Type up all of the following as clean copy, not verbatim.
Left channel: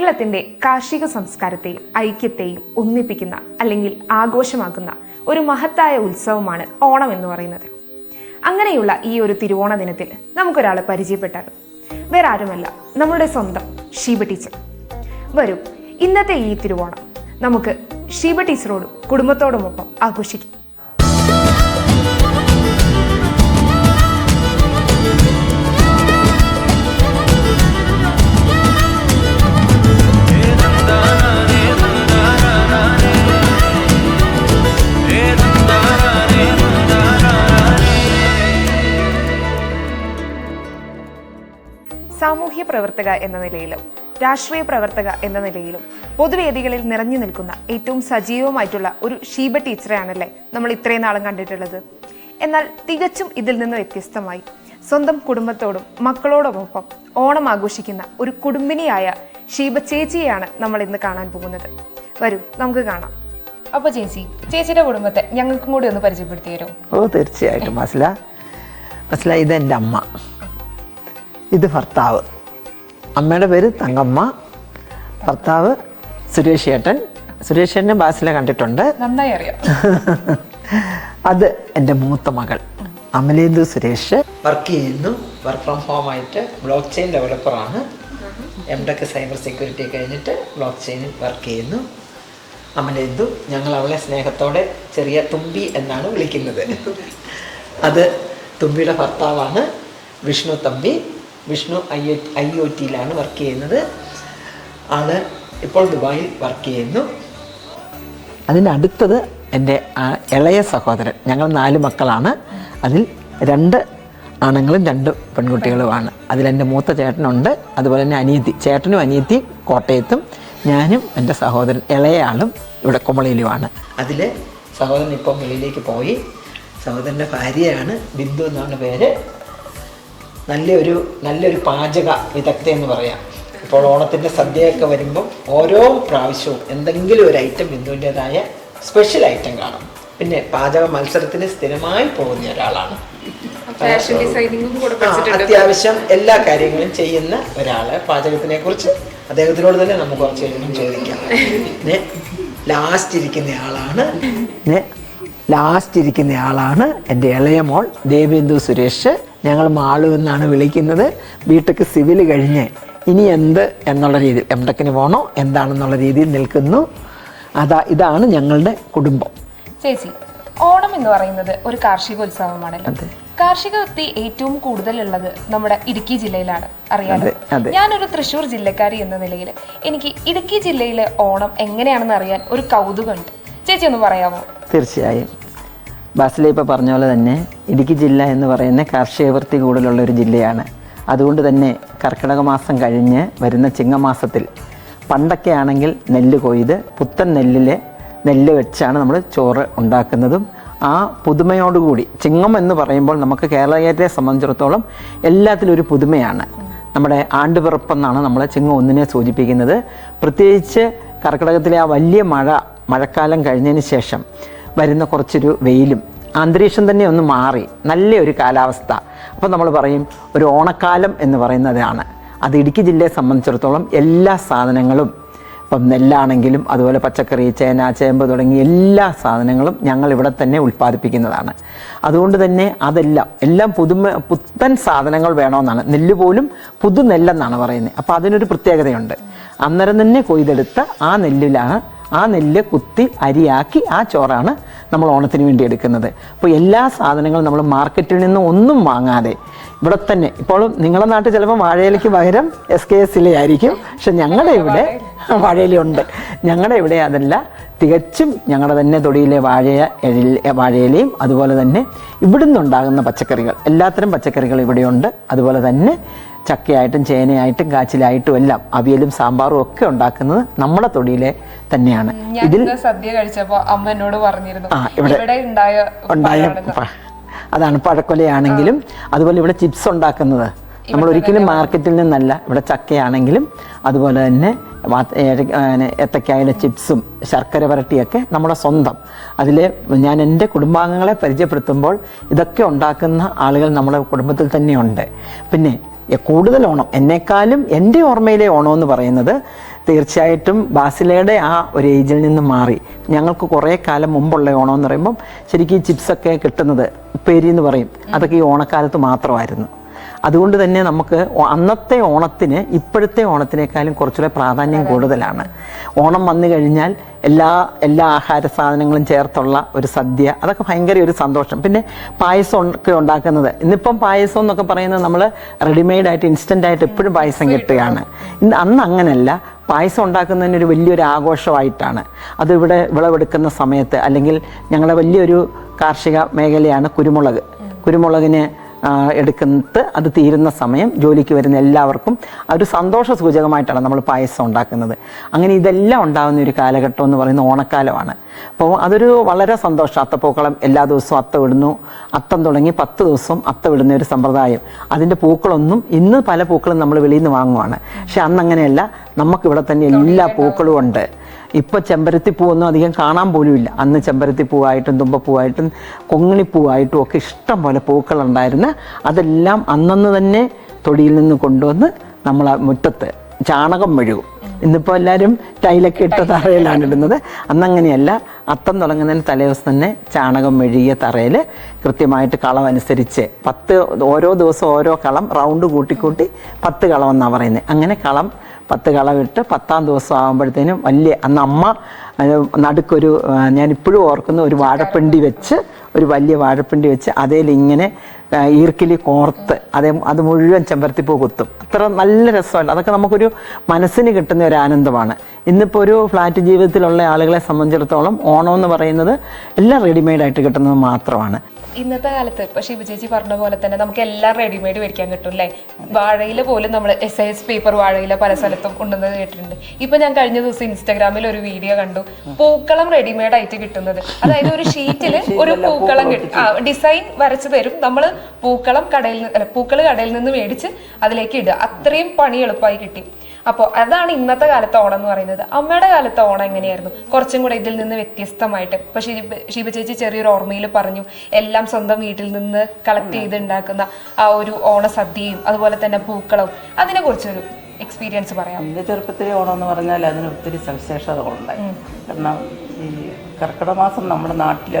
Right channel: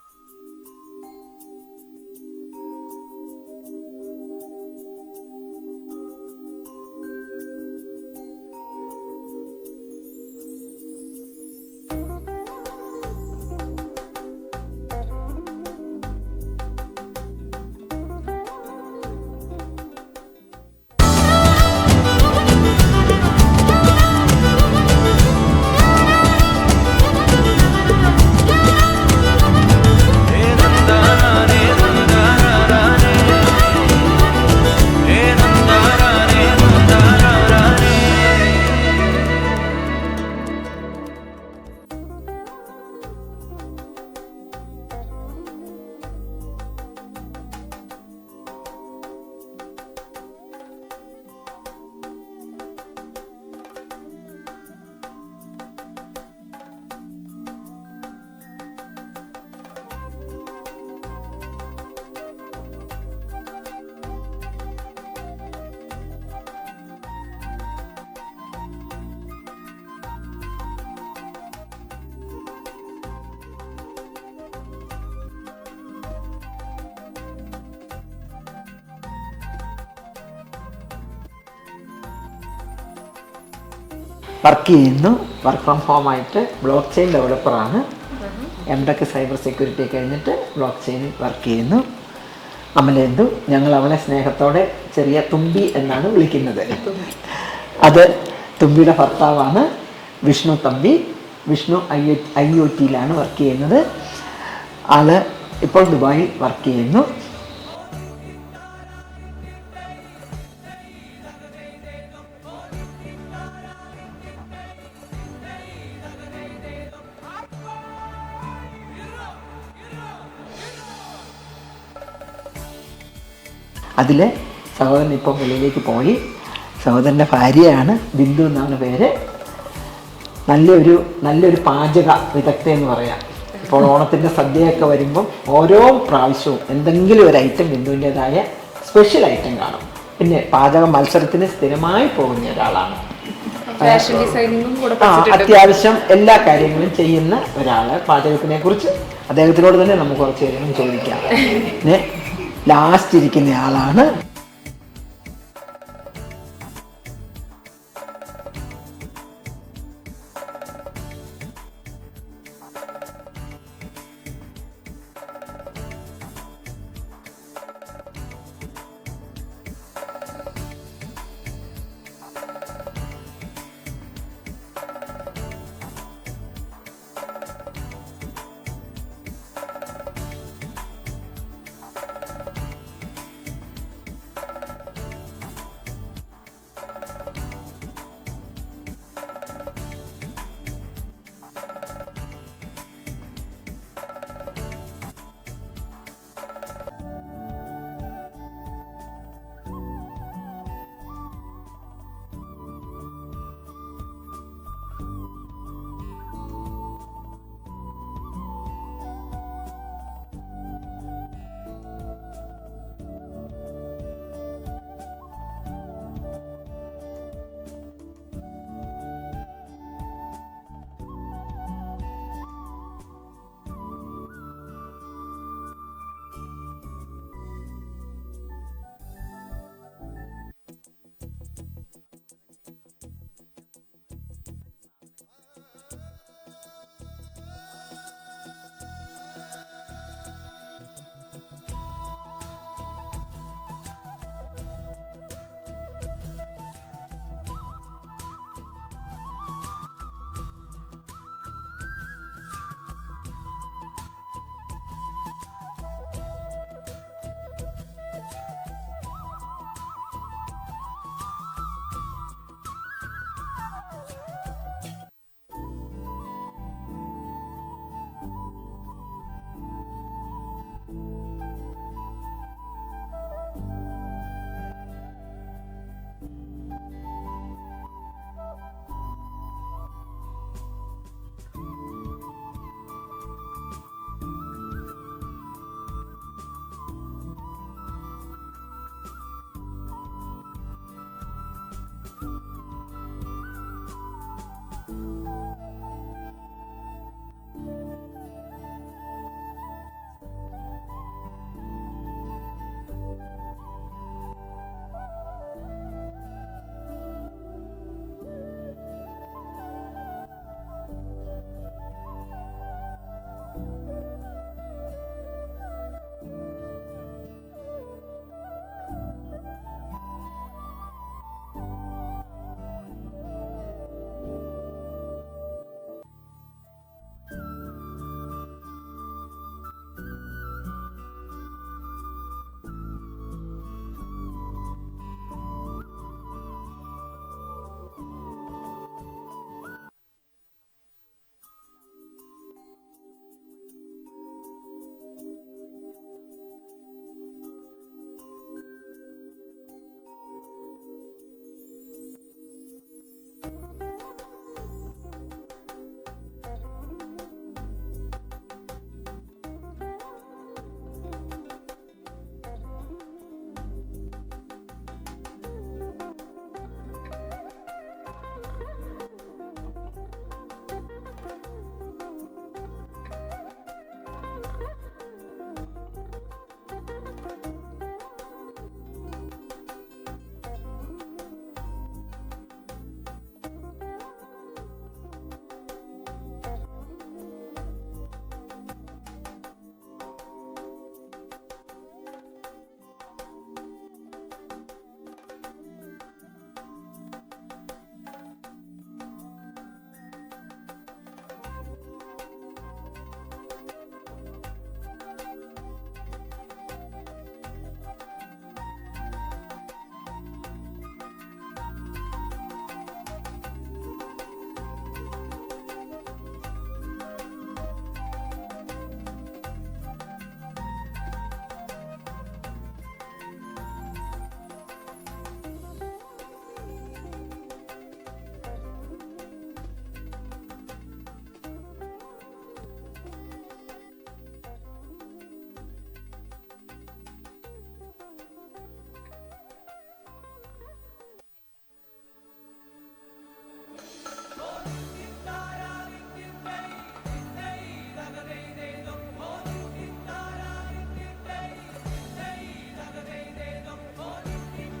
കേരളത്തിന്റെ കാർഷിക സംസ്കാരത്തെയും ഐക്യത്തെയും ഒന്നിപ്പിക്കുന്ന അല്ലെങ്കിൽ ആഘോഷമാക്കുന്ന ഒരു മഹത്തായ ഉത്സവമാണ് ഓണം എന്ന് പറയുന്നത്. അങ്ങനെയുള്ള ഈ ഒരു തിരുവോണ ദിനത്തിൽ നമുക്കൊരാളെ പരിചയപ്പെട്ടാലും വേറെ ആരുമല്ല, നമ്മളുടെ സ്വന്തം ഷീബ ടീച്ചർ. വരൂ, ഇന്നത്തെ ഈ തിരുവോണം നമുക്ക് ഷീബ ടീച്ചറോടും കുടുംബത്തോടുമൊപ്പം ആഘോഷിക്കാം. സാമൂഹ്യ പ്രവർത്തക എന്ന നിലയിലും രാഷ്ട്രീയ പ്രവർത്തക എന്ന നിലയിലും പൊതുവേദികളിൽ നിറഞ്ഞു നിൽക്കുന്ന ഏറ്റവും സജീവമായിട്ടുള്ള ഒരു ഷീബ ടീച്ചറെയാണല്ലേ നമ്മൾ ഇത്രയും നാളും കണ്ടിട്ടുള്ളത്. എന്നാൽ തികച്ചും ഇതിൽ നിന്ന് വ്യത്യസ്തമായി സ്വന്തം കുടുംബത്തോടും മക്കളോടുമൊപ്പം ഓണം ആഘോഷിക്കുന്ന ഒരു കുടുംബിനിയായ ഷീബ ചേച്ചിയെയാണ് നമ്മൾ ഇന്ന് കാണാൻ പോകുന്നത്. വരൂ, നമുക്ക് കാണാം. അപ്പൊ ചേച്ചിയുടെ കുടുംബത്തെ ഞങ്ങൾക്കും കൂടി ഒന്ന് പരിചയപ്പെടുത്തി തരും? ഓ, തീർച്ചയായിട്ടും. മസ്ല ഇത് എൻ്റെ അമ്മ, ഇത് ഭർത്താവ്. അമ്മയുടെ പേര് തങ്കമ്മ, ഭർത്താവ് സുരേഷ് ചേട്ടൻ. സുരേഷ് ചേട്ടനെ ബാസിലെ കണ്ടിട്ടുണ്ട്, നന്നായി അറിയാം. അത് എൻ്റെ മൂത്ത മകൾ അമലേന്ദു സുരേഷ്. വർക്ക് ചെയ്യുന്നു, വർക്ക് ഫ്രം ഹോം ആയിട്ട്. ബ്ലോക്ക് ചെയിൻ ഡെവലപ്പറാണ്. എംടെക് സൈബർ സെക്യൂരിറ്റി കഴിഞ്ഞിട്ട് ബ്ലോക്ക് ചെയിനിൽ വർക്ക് ചെയ്യുന്നു. അമലേന്ദു, ഞങ്ങൾ അവളെ സ്നേഹത്തോടെ ചെറിയ തുമ്പി എന്നാണ് വിളിക്കുന്നത്. അത് തുമ്പിയുടെ ഭർത്താവാണ് വിഷ്ണു തമ്പി. വിഷ്ണു IOTയിലാണ് വർക്ക് ചെയ്യുന്നത്. ആള് ഇപ്പോൾ ദുബായിൽ വർക്ക് ചെയ്യുന്നു. അതിൻ്റെ അടുത്തത് എൻ്റെ ഇളയ സഹോദരൻ. ഞങ്ങൾ 4 മക്കളാണ്. അതിൽ 2 ആണുങ്ങളും 2 പെൺകുട്ടികളുമാണ്. അതിലെൻ്റെ മൂത്ത ചേട്ടനുണ്ട്, അതുപോലെ തന്നെ അനിയത്തി. ചേട്ടനും അനിയത്തിയും കോട്ടയത്തും, ഞാനും എൻ്റെ സഹോദരൻ ഇളയ ആളും ഇവിടെ കുമളിയിലുമാണ്. അതിലെ സഹോദരൻ ഇപ്പോൾ വെളിയിലേക്ക് പോയി. സഹോദരൻ്റെ ഭാര്യയാണ് ബിന്ദു എന്നാണ് പേര്. നല്ലൊരു പാചക വിദഗ്ധ എന്ന് പറയാം. ഇപ്പോൾ ഓണത്തിൻ്റെ സദ്യയൊക്കെ വരുമ്പം ഓരോ പ്രാവശ്യവും എന്തെങ്കിലും ഒരു ഐറ്റം ബിന്ദുവിൻ്റെതായ സ്പെഷ്യൽ ഐറ്റം കാണും. പിന്നെ പാചക മത്സരത്തിന് സ്ഥിരമായി പോകുന്ന ഒരാളാണ്. ഫാഷൻ ഡിസൈനിങ്ങും കൂടെ അത്യാവശ്യം എല്ലാ കാര്യങ്ങളും ചെയ്യുന്ന ഒരാള്. പാചകത്തിനെ കുറിച്ച് അദ്ദേഹത്തിനോട് തന്നെ നമുക്ക് കുറച്ച് കാര്യങ്ങളും ചോദിക്കാം. പിന്നെ ലാസ്റ്റ് ഇരിക്കുന്ന ആളാണ് എൻ്റെ ഇളയ മോൾ ദേവേന്ദു സുരേഷ്. ഞങ്ങൾ മാളു എന്നാണ് വിളിക്കുന്നത്. ബിടെക് സിവിൽ കഴിഞ്ഞ് ഇനി എന്ത് എന്നുള്ള രീതിയിൽ എംടെക്കിന് പോകണോ എന്താണെന്നുള്ള രീതിയിൽ നിൽക്കുന്നു. ഇതാണ് ഞങ്ങളുടെ കുടുംബം. ചേച്ചി, ഓണം എന്ന് പറയുന്നത് ഒരു കാർഷികോത്സവമാണല്ലോ. കാർഷിക വൃത്തി ഏറ്റവും കൂടുതലുള്ളത് നമ്മുടെ ഇടുക്കി ജില്ലയിലാണ്, അറിയാലോ. ഞാനൊരു തൃശ്ശൂർ ജില്ലക്കാരി എന്ന നിലയിൽ എനിക്ക് ഇടുക്കി ജില്ലയിലെ ഓണം എങ്ങനെയാണെന്ന് അറിയാൻ ഒരു കൗതുകമുണ്ട്. ചേച്ചി ഒന്ന് പറയാമോ? തീർച്ചയായും. ബാസിലെ ഇപ്പോൾ പറഞ്ഞ പോലെ തന്നെ ഇടുക്കി ജില്ല എന്ന് പറയുന്ന കാർഷിക വൃത്തി കൂടുതലുള്ള ഒരു ജില്ലയാണ്. അതുകൊണ്ട് തന്നെ കർക്കിടക മാസം കഴിഞ്ഞ് വരുന്ന ചിങ്ങമാസത്തിൽ പണ്ടൊക്കെ ആണെങ്കിൽ നെല്ല് കൊയ്ത് പുത്തൻ നെല്ല് വെച്ചാണ് നമ്മൾ ചോറ് ഉണ്ടാക്കുന്നതും. ആ പുതുമയോടുകൂടി ചിങ്ങം എന്ന് പറയുമ്പോൾ നമുക്ക് കേരളീയരെ സംബന്ധിച്ചിടത്തോളം എല്ലാത്തിലും ഒരു പുതുമയാണ്. നമ്മുടെ ആണ്ടുപിറപ്പെന്നാണ് നമ്മൾ ചിങ്ങം 1-നെ സൂചിപ്പിക്കുന്നത്. പ്രത്യേകിച്ച് കർക്കിടകത്തിലെ ആ വലിയ മഴക്കാലം കഴിഞ്ഞതിന് ശേഷം വരുന്ന കുറച്ചൊരു വെയിലും അന്തരീക്ഷം തന്നെ ഒന്ന് മാറി നല്ലൊരു കാലാവസ്ഥ. അപ്പോൾ നമ്മൾ പറയും ഒരു ഓണക്കാലം എന്ന് പറയുന്നതാണ്. അത് ഇടുക്കി ജില്ലയെ സംബന്ധിച്ചിടത്തോളം എല്ലാ സാധനങ്ങളും, ഇപ്പം നെല്ലാണെങ്കിലും അതുപോലെ പച്ചക്കറി, ചേന, ചേമ്പ് തുടങ്ങിയ എല്ലാ സാധനങ്ങളും ഞങ്ങൾ ഇവിടെ തന്നെ ഉൽപ്പാദിപ്പിക്കുന്നതാണ്. അതുകൊണ്ട് തന്നെ എല്ലാം പുത്തൻ സാധനങ്ങൾ വേണമെന്നാണ്. നെല്ല് പോലും പുതുനെല്ലെന്നാണ് പറയുന്നത്. അപ്പോൾ അതിനൊരു പ്രത്യേകതയുണ്ട്. അന്നേരം തന്നെ കൊയ്തെടുത്ത ആ നെല്ല് കുത്തി അരിയാക്കി ആ ചോറാണ് നമ്മൾ ഓണത്തിന് വേണ്ടി എടുക്കുന്നത്. അപ്പോൾ എല്ലാ സാധനങ്ങളും നമ്മൾ മാർക്കറ്റിൽ നിന്ന് ഒന്നും വാങ്ങാതെ ഇവിടെ തന്നെ, ഇപ്പോൾ നിങ്ങളുടെ നാട്ടിൽ ചിലപ്പോൾ വാഴയിലയ്ക്ക് പകരം SKS ആയിരിക്കും. പക്ഷെ ഞങ്ങളുടെ ഇവിടെ വാഴയിലുണ്ട്. ഞങ്ങളുടെ ഇവിടെ അതല്ല, തികച്ചും ഞങ്ങളുടെ തന്നെ തൊടിയിലെ വാഴയിലയും അതുപോലെ തന്നെ ഇവിടുന്ന് ഉണ്ടാകുന്ന പച്ചക്കറികൾ, എല്ലാത്തരം പച്ചക്കറികൾ ഇവിടെയുണ്ട്. അതുപോലെ തന്നെ ചക്കയായിട്ടും ചേനയായിട്ടും കാച്ചിലായിട്ടും എല്ലാം അവിയലും സാമ്പാറും ഒക്കെ ഉണ്ടാക്കുന്നത് നമ്മുടെ തൊടിയിലെ തന്നെയാണ്. ഇതിൽ സദ്യ കഴിച്ചപ്പോൾ അമ്മ എന്നോട് പറഞ്ഞിരുന്നു ഇവിടെ ഉണ്ടായ അതാണ് പഴക്കൊലയാണെങ്കിലും അതുപോലെ ഇവിടെ ചിപ്സ് ഉണ്ടാക്കുന്നത് നമ്മൾ ഒരിക്കലും മാർക്കറ്റിൽ നിന്നല്ല. ഇവിടെ ചക്കയാണെങ്കിലും അതുപോലെ തന്നെ ഏത്തക്കായുടെ ചിപ്സും ശർക്കര വരട്ടിയൊക്കെ നമ്മുടെ സ്വന്തം. അതിൽ ഞാൻ എൻ്റെ കുടുംബാംഗങ്ങളെ പരിചയപ്പെടുത്തുമ്പോൾ ഇതൊക്കെ ഉണ്ടാക്കുന്ന ആളുകൾ നമ്മുടെ കുടുംബത്തിൽ തന്നെയുണ്ട്. പിന്നെ കൂടുതൽ ഓണം എന്നെക്കാളും എൻ്റെ ഓർമ്മയിലെ ഓണം എന്ന് പറയുന്നത് തീർച്ചയായിട്ടും ബാസിലയുടെ ആ ഒരു ഏജിൽ നിന്ന് മാറി ഞങ്ങൾക്ക് കുറേ കാലം മുമ്പുള്ള ഓണം എന്ന് പറയുമ്പം ശരിക്കും ഈ ചിപ്സൊക്കെ കിട്ടുന്നത് ഉപ്പേരി എന്ന് പറയും, അതൊക്കെ ഈ ഓണക്കാലത്ത് മാത്രമായിരുന്നു. അതുകൊണ്ട് തന്നെ നമുക്ക് അന്നത്തെ ഓണത്തിന് ഇപ്പോഴത്തെ ഓണത്തിനേക്കാളും കുറച്ചുകൂടെ പ്രാധാന്യം കൂടുതലാണ്. ഓണം വന്നു കഴിഞ്ഞാൽ എല്ലാ ആഹാര സാധനങ്ങളും ചേർത്തുള്ള ഒരു സദ്യ, അതൊക്കെ ഭയങ്കര ഒരു സന്തോഷം. പിന്നെ പായസം ഒക്കെ ഉണ്ടാക്കുന്നത്, ഇന്നിപ്പം പായസം എന്നൊക്കെ പറയുന്നത് നമ്മൾ റെഡിമെയ്ഡായിട്ട് ഇൻസ്റ്റൻ്റായിട്ട് എപ്പോഴും പായസം കിട്ടുകയാണ്. അന്ന് അങ്ങനെയല്ല, പായസം ഉണ്ടാക്കുന്നതിന് ഒരു വലിയൊരു ആഘോഷമായിട്ടാണ്. അതിവിടെ വിളവെടുക്കുന്ന സമയത്ത്, അല്ലെങ്കിൽ ഞങ്ങളുടെ വലിയൊരു കാർഷിക മേഖലയാണ് കുരുമുളകിന് എടുക്കുന്നത്. അത് തീരുന്ന സമയം ജോലിക്ക് വരുന്ന എല്ലാവർക്കും ഒരു സന്തോഷ സൂചകമായിട്ടാണ് നമ്മൾ പായസം ഉണ്ടാക്കുന്നത്. അങ്ങനെ ഇതെല്ലാം ഉണ്ടാകുന്ന ഒരു കാലഘട്ടം എന്ന് പറയുന്നത് ഓണക്കാലമാണ്. അപ്പോൾ അതൊരു വളരെ സന്തോഷം. അത്തപ്പൂക്കളം എല്ലാ ദിവസവും അത്ത വിടുന്നു. അത്തം തുടങ്ങി 10 ദിവസവും അത്ത വിടുന്ന ഒരു സമ്പ്രദായം. അതിൻ്റെ പൂക്കളൊന്നും ഇന്ന് പല പൂക്കളും നമ്മൾ വെളിയിൽ നിന്ന് വാങ്ങുവാണ്. പക്ഷെ അന്ന് അങ്ങനെയല്ല, നമുക്കിവിടെ തന്നെ എല്ലാ പൂക്കളും ഉണ്ട്. ഇപ്പോൾ ചെമ്പരത്തിപ്പൂവൊന്നും അധികം കാണാൻ പോലും ഇല്ല. അന്ന് ചെമ്പരത്തിപ്പൂവായിട്ടും തുമ്പപ്പൂവായിട്ടും കൊങ്ങിണിപ്പൂവായിട്ടും ഒക്കെ ഇഷ്ടം പോലെ പൂക്കളുണ്ടായിരുന്നു. അതെല്ലാം അന്നന്ന് തന്നെ തൊടിയിൽ നിന്ന് കൊണ്ടുവന്ന് നമ്മൾ ആ മുറ്റത്ത് ചാണകം മെഴുകും. ഇന്നിപ്പോൾ എല്ലാവരും ടൈലൊക്കെ ഇട്ട തറയിലാണ് ഇടുന്നത്. അന്നങ്ങനെയല്ല, അത്തം തുടങ്ങുന്നതിന് തലേദിവസം തന്നെ ചാണകം മെഴുകിയ തറയിൽ കൃത്യമായിട്ട് കളം അനുസരിച്ച് ഓരോ ദിവസം ഓരോ കളം റൗണ്ട് കൂട്ടി 10 കളം എന്നാണ് പറയുന്നത്. അങ്ങനെ 10 കളമിട്ട് 10-ാം ദിവസം ആകുമ്പോഴത്തേനും അന്ന് അമ്മ നടുക്കൊരു, ഞാനിപ്പോഴും ഓർക്കുന്ന, ഒരു വലിയ വാഴപ്പിണ്ടി വെച്ച് അതിലിങ്ങനെ ഈർക്കിലി കോർത്ത് അത് മുഴുവൻ ചെമ്പരത്തിപ്പൂ കുത്തും. അത്ര നല്ല രസമല്ല, അതൊക്കെ നമുക്കൊരു മനസ്സിന് കിട്ടുന്ന ഒരു ആനന്ദമാണ്. ഇന്നിപ്പോൾ ഒരു ഫ്ലാറ്റ് ജീവിതത്തിലുള്ള ആളുകളെ സംബന്ധിച്ചിടത്തോളം ഓണം എന്ന് പറയുന്നത് എല്ലാം റെഡിമെയ്ഡായിട്ട് കിട്ടുന്നത് മാത്രമാണ്. ഇന്നത്തെ കാലത്ത് ഇപ്പോൾ ഷിബു ചേച്ചി പറഞ്ഞ പോലെ തന്നെ നമുക്ക് എല്ലാം റെഡിമെയ്ഡ് മേടിക്കാൻ കിട്ടും അല്ലേ. വാഴയില പോലും നമ്മൾ SIS പേപ്പർ വാഴയില പല സ്ഥലത്തും കൊണ്ടുവന്നത് കേട്ടിട്ടുണ്ട്. ഇപ്പൊ ഞാൻ കഴിഞ്ഞ ദിവസം ഇൻസ്റ്റാഗ്രാമിൽ ഒരു വീഡിയോ കണ്ടു, പൂക്കളം റെഡിമെയ്ഡ് ആയിട്ട് കിട്ടുന്നത്. അതായത് ഒരു ഷീറ്റിൽ ഒരു പൂക്കളം കിട്ടും, ഡിസൈൻ വരച്ചു തരും. നമ്മൾ പൂക്കൾ കടയിൽ നിന്ന് മേടിച്ച് അതിലേക്ക് ഇടുക. അത്രയും പണി എളുപ്പമായി കിട്ടി. അപ്പോൾ അതാണ് ഇന്നത്തെ കാലത്തെ ഓണം എന്ന് പറയുന്നത്. അമ്മയുടെ കാലത്തെ ഓണം എങ്ങനെയായിരുന്നു? കുറച്ചും കൂടെ ഇതിൽ നിന്ന് വ്യത്യസ്തമായിട്ട്. ഇപ്പൊ ഷീബ ചേച്ചി ചെറിയൊരു ഓർമ്മയിൽ പറഞ്ഞു, എല്ലാം സ്വന്തം വീട്ടിൽ നിന്ന് കളക്ട് ചെയ്ത് ഉണ്ടാക്കുന്ന ആ ഒരു ഓണസദ്യയും അതുപോലെ തന്നെ പൂക്കളവും, അതിനെ കുറിച്ചൊരു എക്സ്പീരിയൻസ് പറയാം. എൻ്റെ ചെറുപ്പത്തിലെ ഓണം എന്ന് പറഞ്ഞാൽ അതിന് ഒത്തിരി സവിശേഷതകളുണ്ടായി. കാരണം ഈ കർക്കിടക മാസം നമ്മുടെ നാട്ടിൽ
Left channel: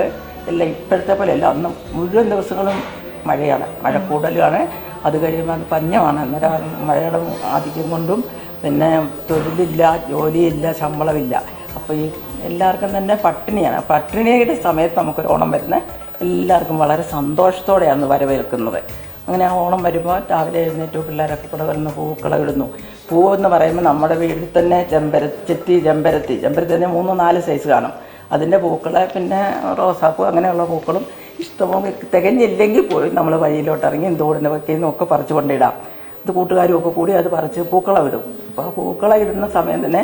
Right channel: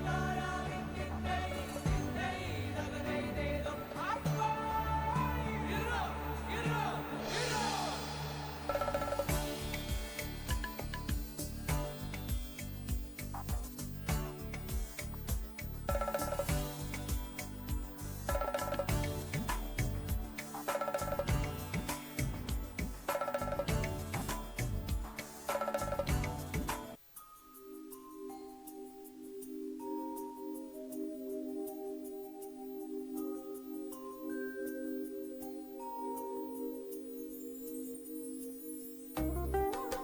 എല്ലാം ഇപ്പോഴത്തെ പോലെ അല്ല, അന്ന് മുഴുവൻ ദിവസങ്ങളും മഴയാണ്, മഴ കൂടുതലാണ്. അത് കഴിയുമ്പോൾ അത് പഞ്ഞമാണ്. അന്നേരം മഴയുടെ ആധിക്യം കൊണ്ടും പിന്നെ തൊഴിലില്ല, ജോലിയില്ല, ശമ്പളമില്ല. അപ്പോൾ ഈ എല്ലാവർക്കും തന്നെ പട്ടിണിയാണ്. പട്ടിണിയുടെ സമയത്ത് നമുക്കൊരു ഓണം വരുന്നത് എല്ലാവർക്കും വളരെ സന്തോഷത്തോടെയാണ് വരവേൽക്കുന്നത്. അങ്ങനെ ആ ഓണം വരുമ്പോൾ രാവിലെ എഴുന്നേറ്റ് പിള്ളേരൊക്കെ കൂടെ വരുന്ന പൂക്കളം ഇടുന്നു. പൂവെന്ന് പറയുമ്പോൾ നമ്മുടെ വീട്ടിൽ തന്നെ ചെമ്പരത്തി തന്നെ 3-4 സൈസ് കാണും. അതിൻ്റെ പൂക്കളെ പിന്നെ റോസാപ്പൂ അങ്ങനെയുള്ള പൂക്കളും ഇഷ്ടംപോലെ തികഞ്ഞില്ലെങ്കിൽ പോയി നമ്മൾ വഴിയിലോട്ട് ഇറങ്ങി എന്തോടുന്ന വെക്കുന്ന ഒക്കെ പറിച്ചു കൊണ്ടിടാം. ഇത് കൂട്ടുകാരും ഒക്കെ കൂടി അത് പറിച്ച് പൂക്കളം ഇടും. അപ്പോൾ ആ പൂക്കളം ഇടുന്ന സമയം തന്നെ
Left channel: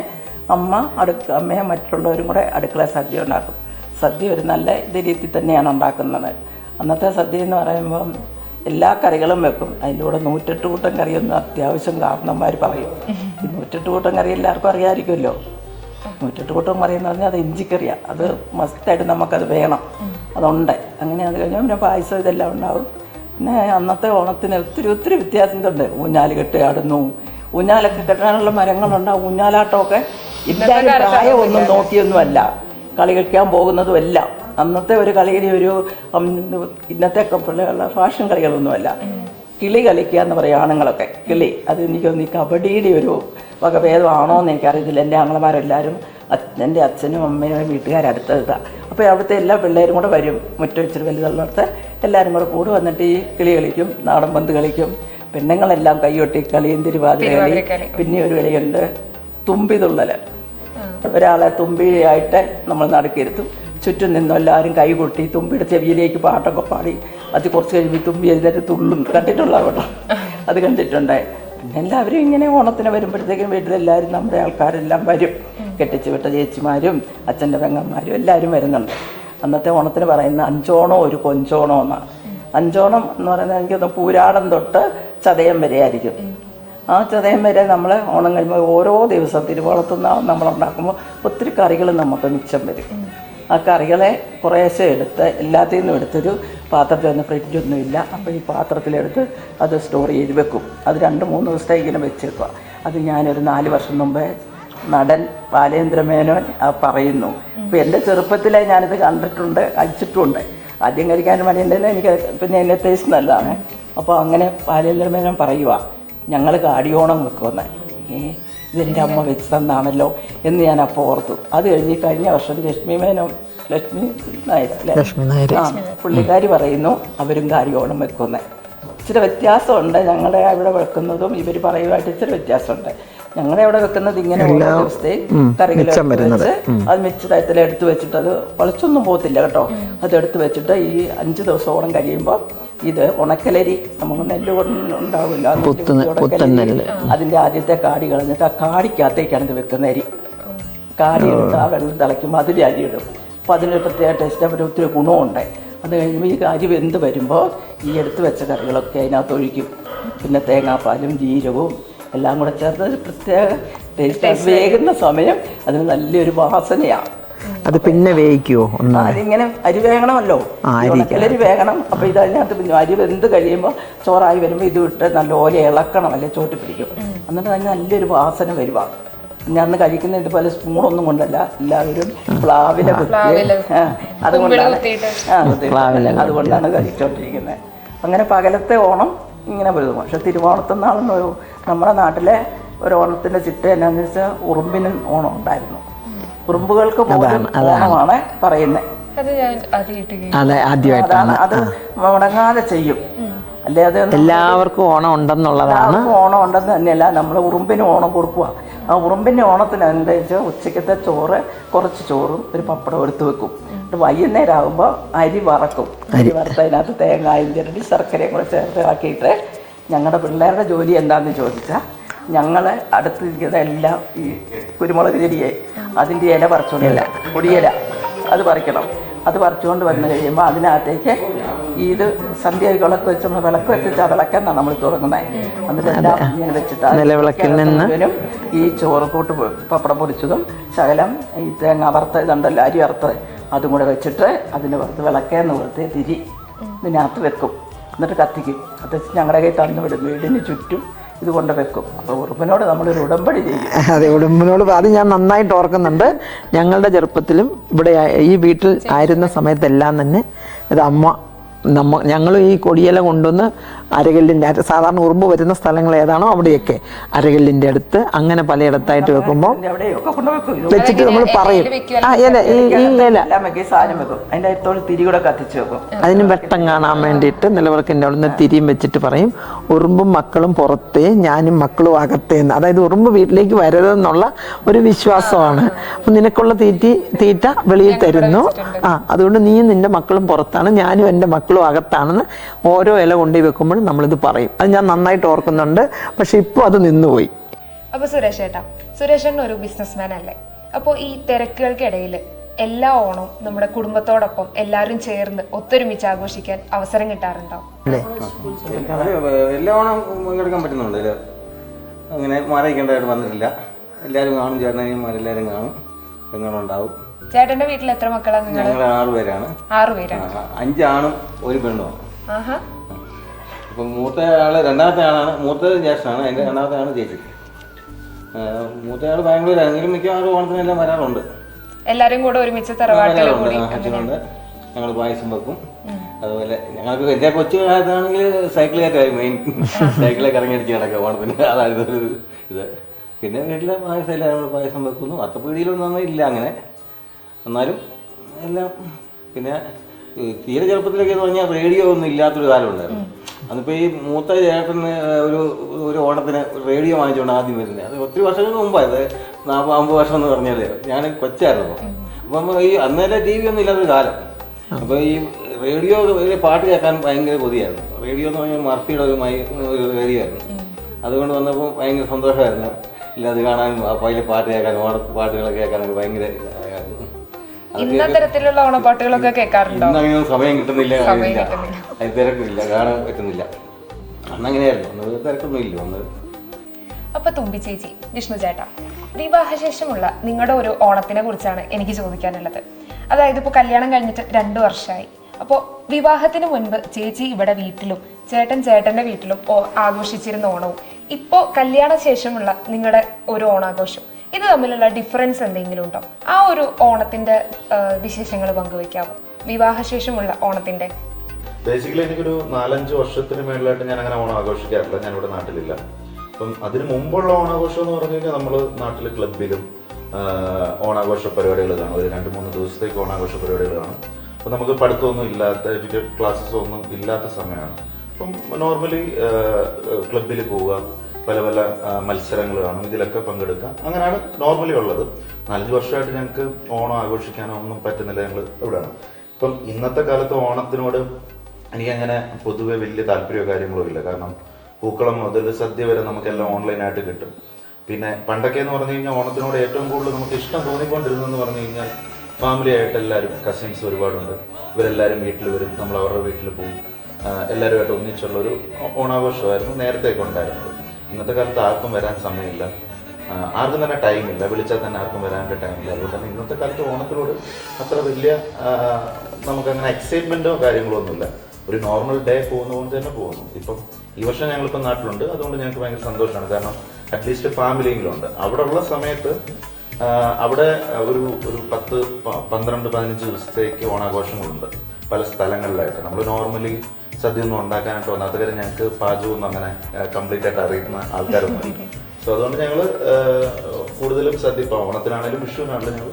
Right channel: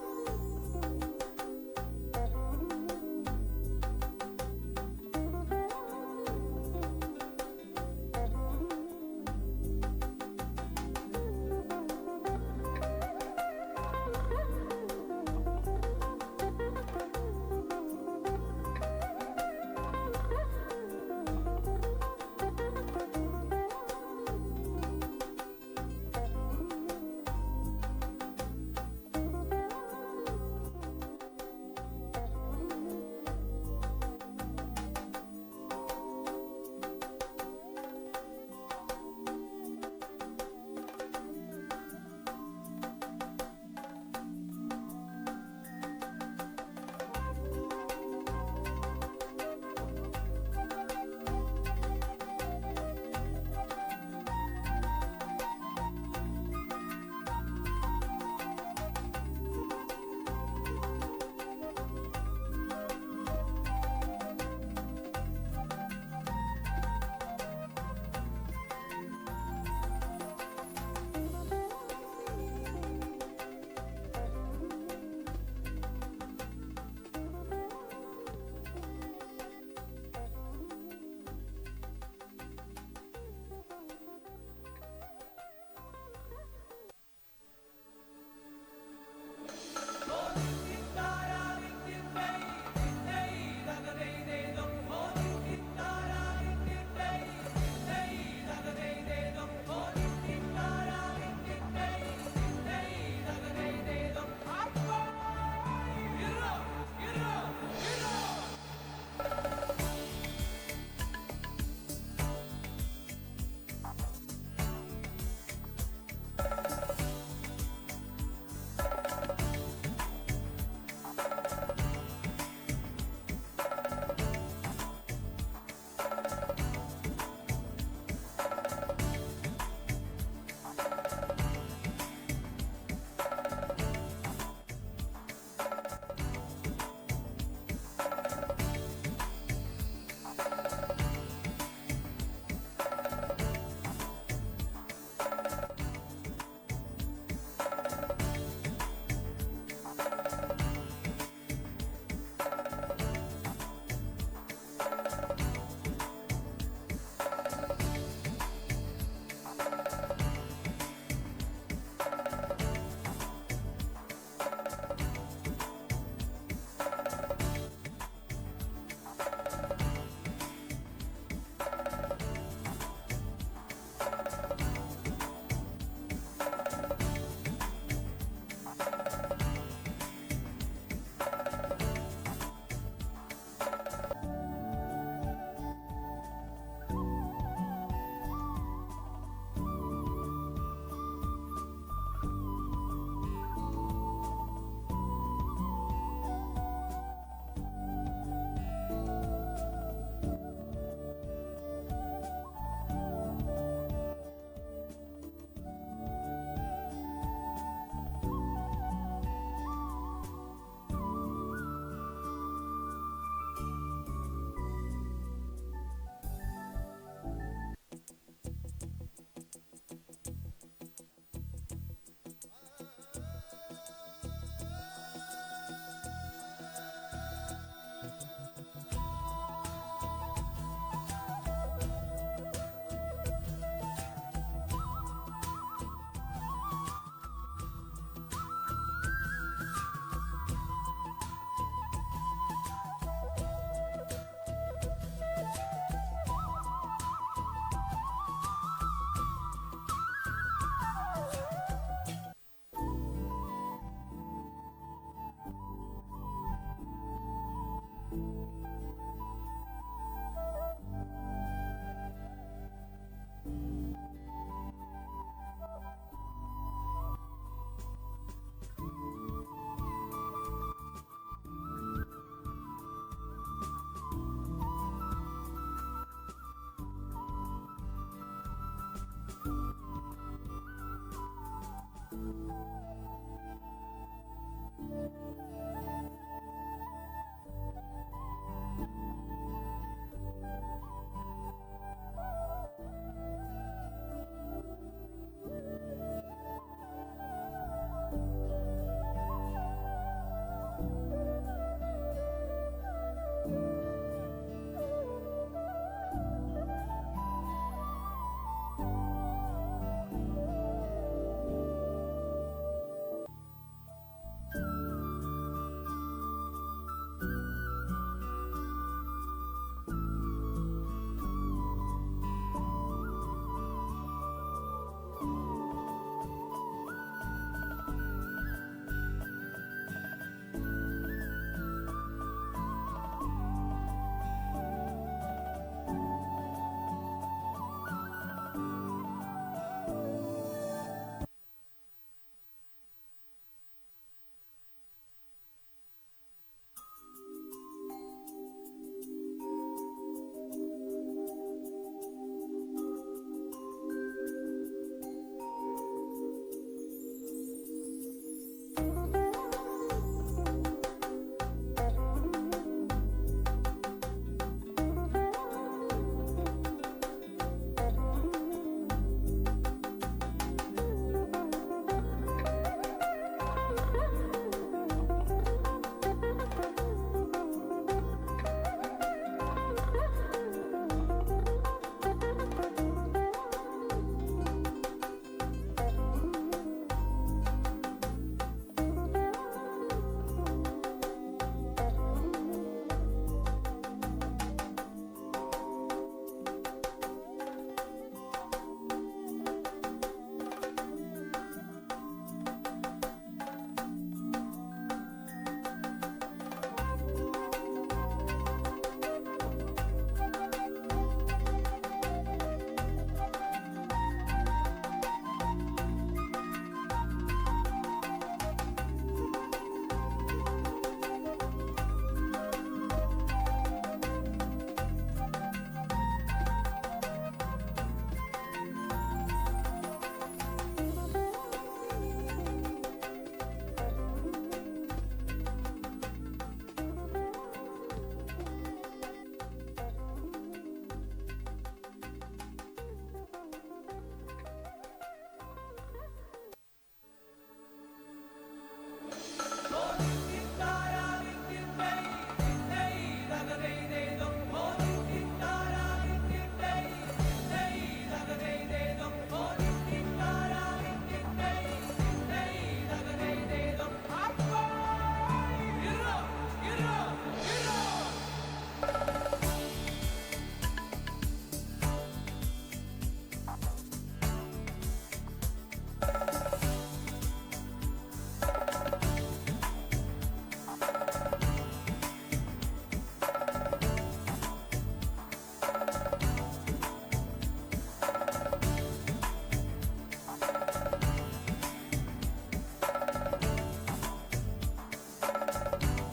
അമ്മയും മറ്റുള്ളവരും കൂടെ അടുക്കള സദ്യ ഉണ്ടാക്കും. സദ്യ ഒരു നല്ല രീതിയിൽ തന്നെയാണ് ഉണ്ടാക്കുന്നത്. അന്നത്തെ സദ്യ എന്ന് പറയുമ്പം എല്ലാ കറികളും വെക്കും. അതിലൂടെ 108 കൂട്ടം കറിയൊന്നും അത്യാവശ്യം കാരണന്മാർ പറയും. 108 കൂട്ടം കറി എല്ലാവർക്കും അറിയാമായിരിക്കുമല്ലോ. 108 കൂട്ടം കറി എന്ന് പറഞ്ഞാൽ അത് ഇഞ്ചിക്കറിയാണ്. അത് മസ്റ്റായിട്ട് നമുക്കത് വേണം, അതുണ്ട്. അങ്ങനെ അത് കഴിഞ്ഞാൽ പിന്നെ പായസം ഇതെല്ലാം ഉണ്ടാവും. പിന്നെ അന്നത്തെ ഓണത്തിന് ഒത്തിരി വ്യത്യാസമുണ്ട്. ഊഞ്ഞാൽ കെട്ടി ആടുന്നു, ഊഞ്ഞാലൊക്കെ കെട്ടാനുള്ള മരങ്ങളുണ്ടാവും. ഊഞ്ഞാലാട്ടമൊക്കെ ഇല്ലാതെ പ്രായമൊന്നും നോക്കിയൊന്നുമല്ല കളി കളിക്കാൻ പോകുന്നതുമല്ല. അന്നത്തെ ഒരു കളിയുടെ ഒരു ഇന്നത്തെ പിള്ളേരുള്ള ഫാഷൻ കളികളൊന്നുമല്ല. കിളി കളിക്കുക എന്ന് പറയും ആണുങ്ങളൊക്കെ. കിളി അത് എനിക്കൊന്ന് ഈ കബഡിയുടെ ഒരു വകഭേദമാണോ എന്ന് എനിക്കറിയത്തില്ല. എൻ്റെ ആങ്ങളമാരെല്ലാവരും എൻ്റെ അച്ഛനും അമ്മയും വീട്ടുകാരടുത്തതാണ്. അപ്പോൾ അവിടുത്തെ എല്ലാ പിള്ളേരും കൂടെ വരും. മുറ്റം ഇച്ചിരി വലുതുള്ളടത്ത് എല്ലാവരും കൂടെ വന്നിട്ട് ഈ കിളി കളിക്കും, നാടൻ പന്ത് കളിക്കും. പെണ്ണുങ്ങളെല്ലാം കൈയൊട്ടി കളിയും തിരുവാതിര കളി. പിന്നെ ഒരു കളിയുണ്ട് തുമ്പിതുള്ളൽ. ഒരാളെ തുമ്പിയായിട്ട് നമ്മൾ നടുക്കിരുത്തും. ചുറ്റും നിന്നും എല്ലാവരും കൈ കൊട്ടി തുമ്പിയുടെ ചെവിയിലേക്ക് പാട്ടൊക്കെ പാടി അത് കുറച്ച് കഴിയുമ്പോൾ തുമ്പി എഴുന്നേറ്റ് തുള്ളും. കണ്ടിട്ടുള്ള കേട്ടോ, അത് കണ്ടിട്ടുണ്ടായി. പിന്നെ എല്ലാവരും ഇങ്ങനെ ഓണത്തിന് വരുമ്പോഴത്തേക്കും വീട്ടിലെല്ലാവരും നമ്മുടെ ആൾക്കാരെല്ലാം വരും. കെട്ടിച്ച് വിട്ട ചേച്ചിമാരും അച്ഛൻ്റെ പെങ്ങന്മാരും എല്ലാവരും വരുന്നുണ്ട്. അന്നത്തെ ഓണത്തിന് പറയുന്ന 5 ഓണം ഒരു കൊഞ്ചോണം എന്നാണ്. 5 ഓണം എന്ന് പറയുന്നത് എനിക്കൊന്ന് പൂരാടം തൊട്ട് ചതയം വരെ ആയിരിക്കും. ആ ചതയം വരെ നമ്മൾ ഓണം കഴിയുമ്പോൾ ഓരോ ദിവസം തിരുവോണത്തുനിന്ന് നമ്മളുണ്ടാക്കുമ്പോൾ ഒത്തിരി കറികൾ നമുക്ക് മിച്ചം വരും. ആ കറികളെ കുറേശ്ശെ എടുത്ത് എല്ലാത്തിൽ നിന്നും എടുത്തൊരു പാത്രത്തിൽ ഫ്രിഡ്ജൊന്നും ഇല്ല. അപ്പോൾ ഈ പാത്രത്തിലെടുത്ത് അത് സ്റ്റോർ ചെയ്ത് വെക്കും. അത് 2-3 ദിവസത്തേക്ക് ഇങ്ങനെ വെച്ചേക്കുക. അത് ഞാനൊരു 4 വർഷം മുമ്പേ നടൻ ബാലേന്ദ്ര മേനോൻ പറയുന്നു. അപ്പോൾ എൻ്റെ ചെറുപ്പത്തിലെ ഞാനിത് കണ്ടിട്ടുണ്ട്, കഴിച്ചിട്ടുമുണ്ട്. ആദ്യം കഴിക്കാൻ മടിയുണ്ടെങ്കിലും എനിക്ക് പിന്നെ എൻ്റെ ടേസ്റ്റ് നല്ലതാണ്. അപ്പോൾ അങ്ങനെ ബാലേന്ദ്ര മേനോൻ പറയുക, ഞങ്ങൾ കാടിയോണം വെക്കുമെന്ന്. ഇതെൻ്റെ അമ്മ വെച്ച് തന്നാണല്ലോ എന്ന് ഞാൻ അപ്പോൾ ഓർത്തു. അത് കഴിഞ്ഞ വർഷം ലക്ഷ്മി നായർ പുള്ളിക്കാരി പറയുന്നു അവരും കാടിയോണം വെക്കുന്നത്. ഇച്ചിരി വ്യത്യാസമുണ്ട് ഞങ്ങളുടെ അവിടെ വെക്കുന്നതും ഇവർ പറയുമായിട്ട് ഇച്ചിരി വ്യത്യാസമുണ്ട്. ഞങ്ങളുടെ അവിടെ വെക്കുന്നത് ഇങ്ങനെ ഓരോ ദിവസത്തെയും കറികൾ വെച്ച് അത് മിച്ചതായത്തിൽ എടുത്ത് വെച്ചിട്ട് അത് വളച്ചൊന്നും പോകത്തില്ല കേട്ടോ. അതെടുത്ത് വെച്ചിട്ട് ഈ 5 ദിവസത്തോളം കഴിയുമ്പോൾ ഇത് ഉണക്കലരി നമുക്ക് നെല്ല് ഉണ്ടാവില്ല, അതിൻ്റെ ആദ്യത്തെ കാടി കളഞ്ഞിട്ട് ആ കാടിക്കകത്തേക്കാണ് ഇത് വെക്കുന്ന അരി. കാടി എടുത്ത് ആ വെള്ളം തിളയ്ക്കുമ്പോൾ അതിൽ അരി ഇടും. അപ്പോൾ അതിന് പ്രത്യേക ടേസ്റ്റ് അവർ ഒത്തിരി ഗുണമുണ്ട്. അത് കഴിയുമ്പോൾ ഈ അരി വെന്ത് വരുമ്പോൾ ഈ എടുത്ത് വെച്ച കറികളൊക്കെ അതിനകത്ത് ഒഴിക്കും. പിന്നെ തേങ്ങാപ്പാലും ജീരകവും എല്ലാം കൂടെ ചേർത്ത് ഒരു പ്രത്യേക ടേസ്റ്റ്. വേകുന്ന സമയം അതിന് നല്ലൊരു വാസനയാണ്. അത് പിന്നെ വേവിക്കുമോ? അതിങ്ങനെ അരി വേകണമല്ലോ, ഉണക്കലരി വേകണം. അപ്പോൾ ഇത് അതിനകത്ത് പിന്നെ അരി വെന്ത് കഴിയുമ്പോൾ ചോറായി വരുമ്പോൾ ഇത് വിട്ട് നല്ലപോലെ ഇളക്കണം, അല്ലെ ചോട്ടി പിടിക്കും. എന്നിട്ട് അതിന് നല്ലൊരു വാസന വരുക. ഞാൻ അന്ന് കഴിക്കുന്ന ഇതുപോലെ സ്പൂണൊന്നും കൊണ്ടല്ല, എല്ലാവരും പ്ലാവില അതുകൊണ്ടാണ് കഴിച്ചോണ്ടിരിക്കുന്നത്. അങ്ങനെ പകലത്തെ ഓണം ഇങ്ങനെ വരും. പക്ഷെ തിരുവോണത്തെന്നാളെന്ന് നമ്മുടെ നാട്ടിലെ ഒരു ഓണത്തിൻ്റെ ചിട്ട എന്നാന്ന് വെച്ചാൽ ഉറുമ്പിന് ഓണം ഉണ്ടായിരുന്നു. ഉറുമ്പുകൾക്ക് പോലും ഓണമാണ് പറയുന്നത്. അത് മുടങ്ങാതെ ചെയ്യും. അല്ലേ അത് എല്ലാവർക്കും ഓണം ഉണ്ടെന്നുള്ളതാണ്. ഓണം ഉണ്ടെന്ന് തന്നെയല്ല, നമ്മൾ ഉറുമ്പിന് ഓണം കൊടുക്കുക. ആ ഉറുമ്പിൻ്റെ ഓണത്തിന് എന്താ വെച്ചാൽ ഉച്ചക്കത്തെ ചോറ്, കുറച്ച് ചോറും ഒരു പപ്പടം എടുത്ത് വെക്കും. വൈകുന്നേരം ആകുമ്പോൾ അരി വറക്കും. അരി വറുത്തതിനകത്ത് തേങ്ങായും ചിരണ്ടി ശർക്കരയും കൂടെ ചേർത്ത് ആക്കിയിട്ട് ഞങ്ങളുടെ പിള്ളേരുടെ ജോലി എന്താണെന്ന് ചോദിച്ചാൽ ഞങ്ങൾ അടുത്തിരിക്കുന്ന എല്ലാം ഈ കുരുമുളക് ചെടിയെ അതിൻ്റെ ഇല പറിച്ചുകൊണ്ടില്ല, പൊടിയില അത് പറിക്കണം. അത് പറിച്ചുകൊണ്ട് വന്നു കഴിയുമ്പോൾ അതിനകത്തേക്ക് ഇത് സന്ധ്യ വിളക്ക് വെച്ച് വിളക്ക് വെച്ചിട്ട് ആ വിളക്കെന്നാണ് നമ്മൾ തുടങ്ങുന്നത്. എന്നിട്ട് എല്ലാം ഇങ്ങനെ വെച്ചിട്ട് ഈ ചോറ് കൂട്ട് പപ്പടം പൊടിച്ചതും ശകലം ഈ തേങ്ങ വറുത്ത ഇതുണ്ടല്ലോ അരി വറുത്ത് അതും കൂടെ വെച്ചിട്ട് അതിന് വറുത്ത് വിളക്കേന്ന് കൊടുത്ത് തിരി ഇതിനകത്ത് വെക്കും. എന്നിട്ട് കത്തിക്കും. കത്തിച്ച് ഞങ്ങളുടെ കയ്യിൽ തന്നു വിടും. വീടിന് ചുറ്റും ഇത് കൊണ്ട് വെക്കും. അപ്പോൾ ഉറുമ്പിനോട് നമ്മളൊരു ഉടമ്പടി ചെയ്യും. അതെ, ഉറുമ്പിനോട് അത് ഞാൻ നന്നായിട്ട് ഓർക്കുന്നുണ്ട്. ഞങ്ങളുടെ ചെറുപ്പത്തിലും ഇവിടെ ഈ വീട്ടിൽ ആയിരുന്ന സമയത്തെല്ലാം തന്നെ ഇത് ഞങ്ങൾ ഈ കൊടിയില കൊണ്ടുവന്ന് അരകല്ലിൻ്റെ സാധാരണ ഉറുമ്പ് വരുന്ന സ്ഥലങ്ങൾ ഏതാണോ അവിടെയൊക്കെ അരകല്ലിൻ്റെ അടുത്ത് അങ്ങനെ പലയിടത്തായിട്ട് വെക്കുമ്പോൾ വെച്ചിട്ട് നമ്മൾ പറയും അതിന് വെട്ടം കാണാൻ വേണ്ടിയിട്ട് നിലവിളക്കിൻ്റെ അവിടെ നിന്ന് തിരിയും വെച്ചിട്ട് പറയും ഉറുമ്പും മക്കളും പുറത്തേ ഞാനും മക്കളും അകത്തേന്ന്. അതായത് ഉറുമ്പ് വീട്ടിലേക്ക് വരരുതെന്നുള്ള ഒരു വിശ്വാസമാണ്. അപ്പം നിനക്കുള്ള തീറ്റ വെളിയിൽ തരുന്നു. അതുകൊണ്ട് നീയും നിന്റെ മക്കളും പുറത്താണ്, ഞാനും എൻ്റെ മക്കളും അകത്താണെന്ന് ഓരോ ഇല കൊണ്ടുപോയി വെക്കുമ്പോൾ നമ്മളിത് പറയും. അത് ഞാൻ നന്നായിട്ട് ഓർക്കുന്നുണ്ട്. പക്ഷെ ഇപ്പോൾ അത് നിന്നുപോയി. അപ്പോൾ സുരേഷേട്ടൻ ഒരു ബിസിനസ്മാൻ അല്ലേ? അപ്പോൾ ഈ തിരക്കുകൾക്കിടയിൽ എല്ലാ ഓണവും നമ്മുടെ കുടുംബത്തോടൊപ്പം എല്ലാവരും ചേർന്ന് ഒത്തൊരുമിച്ച് ആഘോഷിക്കാൻ അവസരം കിട്ടാറുണ്ടോ? എല്ലാ ഓണം പങ്കെടുക്കാൻ പറ്റുന്നുണ്ട്. അങ്ങനെ മാറിക്കേണ്ടതായിട്ട് വന്നിട്ടില്ല. എല്ലാവരും കാണും, ചേട്ടനെല്ലാവരും കാണും, പെങ്ങളുണ്ടാവും. ചേട്ടന്റെ വീട്ടിൽ എത്ര മക്കളാണ്? ഞങ്ങൾ 6 പേരാണ്. 6 പേരാണ്. 5 ആണും 1 പെണ്ണുമാണ്. അപ്പം മൂത്ത ആള് രണ്ടാമത്തെ ആളാണ്, മൂത്തത് ജ്യേഷ്ഠനാണ്, അതിൻ്റെ രണ്ടാമത്തെ ആള് ചേച്ചി. മൂത്തയാൾ ബാംഗ്ലൂരാണെങ്കിലും മിക്കവാറും ഓണത്തിനെല്ലാം വരാറുണ്ട്. എല്ലാവരും കൂടെ ഒരുമിച്ച് തറവാട്ടിലുണ്ട്. ഞങ്ങൾ പായസം വെക്കും. അതുപോലെ ഞങ്ങൾക്ക് എൻ്റെ കൊച്ചു കാലത്താണെങ്കിൽ സൈക്കിളൊക്കെ മെയിൻ സൈക്കിളൊക്കെ ഇറങ്ങിയടിച്ച് കിടക്കുക ഓണത്തിന്. അതായത് ഒരു ഇത്. പിന്നെ വീട്ടിലെ പായസം എല്ലാം പായസം വെക്കുന്നു. അത്തപ്പീടിയിലൊന്നും ഇല്ല അങ്ങനെ, എന്നാലും എല്ലാം. പിന്നെ തീരെ ചെറുപ്പത്തിലൊക്കെ എന്ന് പറഞ്ഞാൽ റേഡിയോ ഒന്നും ഇല്ലാത്തൊരു കാലം ഉണ്ടായിരുന്നു. അതിപ്പോൾ ഈ മൂത്ത ചേട്ടന് ഒരു ഓണത്തിന് റേഡിയോ വാങ്ങിച്ചുകൊണ്ട് ആദ്യം വരുന്നത് അത് ഒത്തിരി വർഷങ്ങൾക്ക് മുമ്പായത്. 40-50 വർഷം എന്ന് പറഞ്ഞാൽ ഞാൻ കൊച്ചായിരുന്നു. അപ്പം ഈ അന്നേരം TV ഒന്നും ഇല്ലാത്തൊരു കാലം. അപ്പോൾ ഈ റേഡിയോ പാട്ട് കേൾക്കാൻ ഭയങ്കര കൊതിയായിരുന്നു. റേഡിയോ എന്ന് പറഞ്ഞാൽ മർഫിയുടെ ഒരു റേഡിയോ ആയിരുന്നു. അതുകൊണ്ട് വന്നപ്പോൾ ഭയങ്കര സന്തോഷമായിരുന്നു. ഇല്ല അത് കാണാനും അപ്പോൾ അതിൽ പാട്ട് കേൾക്കാനും ഓണപ്പാട്ടുകളൊക്കെ കേൾക്കാനൊക്കെ ഭയങ്കര ഇന്നത്തരത്തിലുള്ള ഓണപ്പാട്ടുകളൊക്കെ കേൾക്കാറുണ്ടോ? സമയം കിട്ടുന്നില്ല, അത് തിരക്കില്ല, കാണാൻ പറ്റുന്നില്ല. അന്നങ്ങനെയായിരുന്നു, തിരക്കൊന്നും ഇല്ല. അപ്പൊ തുമ്പി ചേച്ചി, വിഷ്ണു ചേട്ടാ, വിവാഹശേഷമുള്ള നിങ്ങളുടെ ഒരു ഓണത്തിനെ കുറിച്ചാണ് എനിക്ക് ചോദിക്കാനുള്ളത്. അതായത് ഇപ്പോൾ കല്യാണം കഴിഞ്ഞിട്ട് 2 വർഷമായി. അപ്പോൾ വിവാഹത്തിന് മുൻപ് ചേച്ചി ഇവിടെ വീട്ടിലും ചേട്ടൻ്റെ വീട്ടിലും ആഘോഷിച്ചിരുന്ന ഓണവും ഇപ്പോൾ കല്യാണ ശേഷമുള്ള നിങ്ങളുടെ ഒരു ഓണാഘോഷം, ഇത് തമ്മിലുള്ള ഡിഫറൻസ് എന്തെങ്കിലും ഉണ്ടോ? ആ ഒരു ഓണത്തിന്റെ വിശേഷങ്ങൾ പങ്കുവെക്കാമോ? വിവാഹശേഷമുള്ള ഓണത്തിന്റെ ബേസിക്കലി എനിക്കൊരു 4-5 വർഷത്തിന് മേളിലായിട്ട് ഞാൻ അങ്ങനെ ഓണം ആഘോഷിക്കാറില്ല. ഞാനിവിടെ നാട്ടിലില്ല. അപ്പം അതിന് മുമ്പുള്ള ഓണാഘോഷം എന്ന് പറഞ്ഞു കഴിഞ്ഞാൽ നമ്മൾ നാട്ടിൽ ക്ലബിലും ഓണാഘോഷ പരിപാടികൾ കാണും. ഒരു 2-3 ദിവസത്തേക്ക് ഓണാഘോഷ പരിപാടികൾ കാണും. അപ്പം നമുക്ക് പഠിത്തമൊന്നും ഇല്ലാത്ത, എഡ്യൂക്കേറ്റഡ് ക്ലാസ്സസ് ഒന്നും ഇല്ലാത്ത സമയമാണ്. അപ്പം നോർമലി ക്ലബിൽ പോവുക, പല പല മത്സരങ്ങൾ കാണും, ഇതിലൊക്കെ പങ്കെടുക്കുക. അങ്ങനെയാണ് നോർമലി ഉള്ളത്. 4 വർഷമായിട്ട് ഞങ്ങൾക്ക് ഓണം ആഘോഷിക്കാനോ ഒന്നും പറ്റുന്നില്ല. ഞങ്ങൾ ഇവിടെയാണ്. ഇപ്പം ഇന്നത്തെ കാലത്ത് ഓണത്തിനോട് എനിക്കങ്ങനെ പൊതുവെ വലിയ താല്പര്യമോ കാര്യങ്ങളോ ഇല്ല. കാരണം പൂക്കളം മുതൽ സദ്യ വരെ നമുക്കെല്ലാം ഓൺലൈനായിട്ട് കിട്ടും. പിന്നെ പണ്ടൊക്കെ എന്ന് പറഞ്ഞു കഴിഞ്ഞാൽ ഓണത്തിനോട് ഏറ്റവും കൂടുതൽ നമുക്ക് ഇഷ്ടം തോന്നിക്കൊണ്ടിരുന്നതെന്ന് പറഞ്ഞു കഴിഞ്ഞാൽ ഫാമിലി ആയിട്ട് എല്ലാവരും, കസിൻസ് ഒരുപാടുണ്ട്, ഇവരെല്ലാവരും വീട്ടിൽ വരും, നമ്മൾ അവരുടെ വീട്ടിൽ പോകും, എല്ലാവരുമായിട്ട് ഒന്നിച്ചുള്ളൊരു ഓണാഘോഷമായിരുന്നു നേരത്തെയൊക്കെ ഉണ്ടായിരുന്നത്. ഇന്നത്തെ കാലത്ത് ആർക്കും വരാൻ സമയമില്ല, ആർക്കും തന്നെ ടൈമില്ല, വിളിച്ചാൽ തന്നെ ആർക്കും വരാനുള്ള ടൈമില്ല. അതുകൊണ്ട് ഇന്നത്തെ കാലത്ത് ഓണത്തിനോട് അത്ര വലിയ നമുക്കങ്ങനെ എക്സൈറ്റ്മെൻറ്റോ കാര്യങ്ങളോ ഒന്നുമില്ല. ഒരു നോർമൽ ഡേ പോകുന്നതുകൊണ്ട് തന്നെ പോകുന്നു. ഇപ്പം ഈ വർഷം ഞങ്ങളിപ്പോൾ നാട്ടിലുണ്ട്, അതുകൊണ്ട് ഞങ്ങൾക്ക് ഭയങ്കര സന്തോഷമാണ്. കാരണം അറ്റ്ലീസ്റ്റ് ഫാമിലിയെങ്കിലും ഉണ്ട്. അവിടെ ഉള്ള സമയത്ത് അവിടെ ഒരു 10-12-15 ദിവസത്തേക്ക് ഓണാഘോഷങ്ങളുണ്ട് പല സ്ഥലങ്ങളിലായിട്ട്. നമ്മൾ നോർമലി സദ്യ ഒന്നും ഉണ്ടാക്കാനായിട്ട് വന്നാത്ത കാര്യം ഞങ്ങൾക്ക് പാചകമൊന്നും അങ്ങനെ കംപ്ലീറ്റ് ആയിട്ട് അറിയുന്ന ആൾക്കാരൊന്നും. സോ അതുകൊണ്ട് ഞങ്ങൾ കൂടുതലും സദ്യ, ഇപ്പോൾ ഓണത്തിനാണെങ്കിലും വിഷുവിനാണെങ്കിലും ഞങ്ങൾ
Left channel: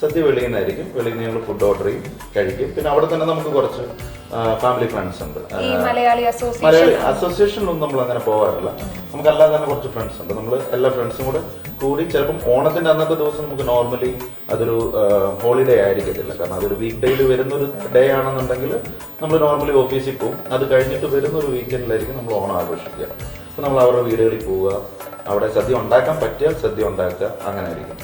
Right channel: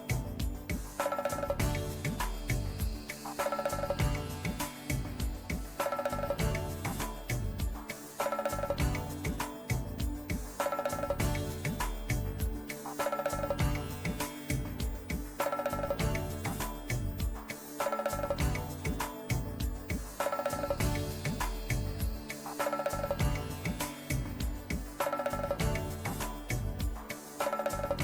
സദ്യ വെളിയിൽ നിന്നായിരിക്കും. വെളിയിൽ നിന്ന് ഞങ്ങൾ ഫുഡ് ഓർഡർ ചെയ്യും, കഴിക്കും. പിന്നെ അവിടെ തന്നെ നമുക്ക് കുറച്ച് ഫാമിലി ഫ്രണ്ട്സ് ഉണ്ട്. മലയാളി അസോസിയേഷനിലൊന്നും നമ്മൾ അങ്ങനെ പോകാറില്ല. നമുക്കല്ലാതെ തന്നെ കുറച്ച് ഫ്രണ്ട്സ് ഉണ്ട്. നമ്മൾ എല്ലാ ഫ്രണ്ട്സും കൂടി ചിലപ്പം ഓണത്തിൻ്റെ അന്നത്തെ ദിവസം നമുക്ക് നോർമലി അതൊരു ഹോളിഡേ ആയിരിക്കത്തില്ല. കാരണം അതൊരു വീക്ക് ഡേയിൽ വരുന്നൊരു ഡേ ആണെന്നുണ്ടെങ്കിൽ നമ്മൾ നോർമലി ഓഫീസിൽ പോകും. അത് കഴിഞ്ഞിട്ട് വരുന്നൊരു വീക്കെൻഡിലായിരിക്കും നമ്മൾ ഓണം ആഘോഷിക്കുക. അപ്പോൾ നമ്മൾ അവരുടെ വീടുകളിൽ പോവുക, അവിടെ സദ്യ ഉണ്ടാക്കാൻ പറ്റിയാൽ സദ്യ ഉണ്ടാക്കുക, അങ്ങനെ ആയിരിക്കും.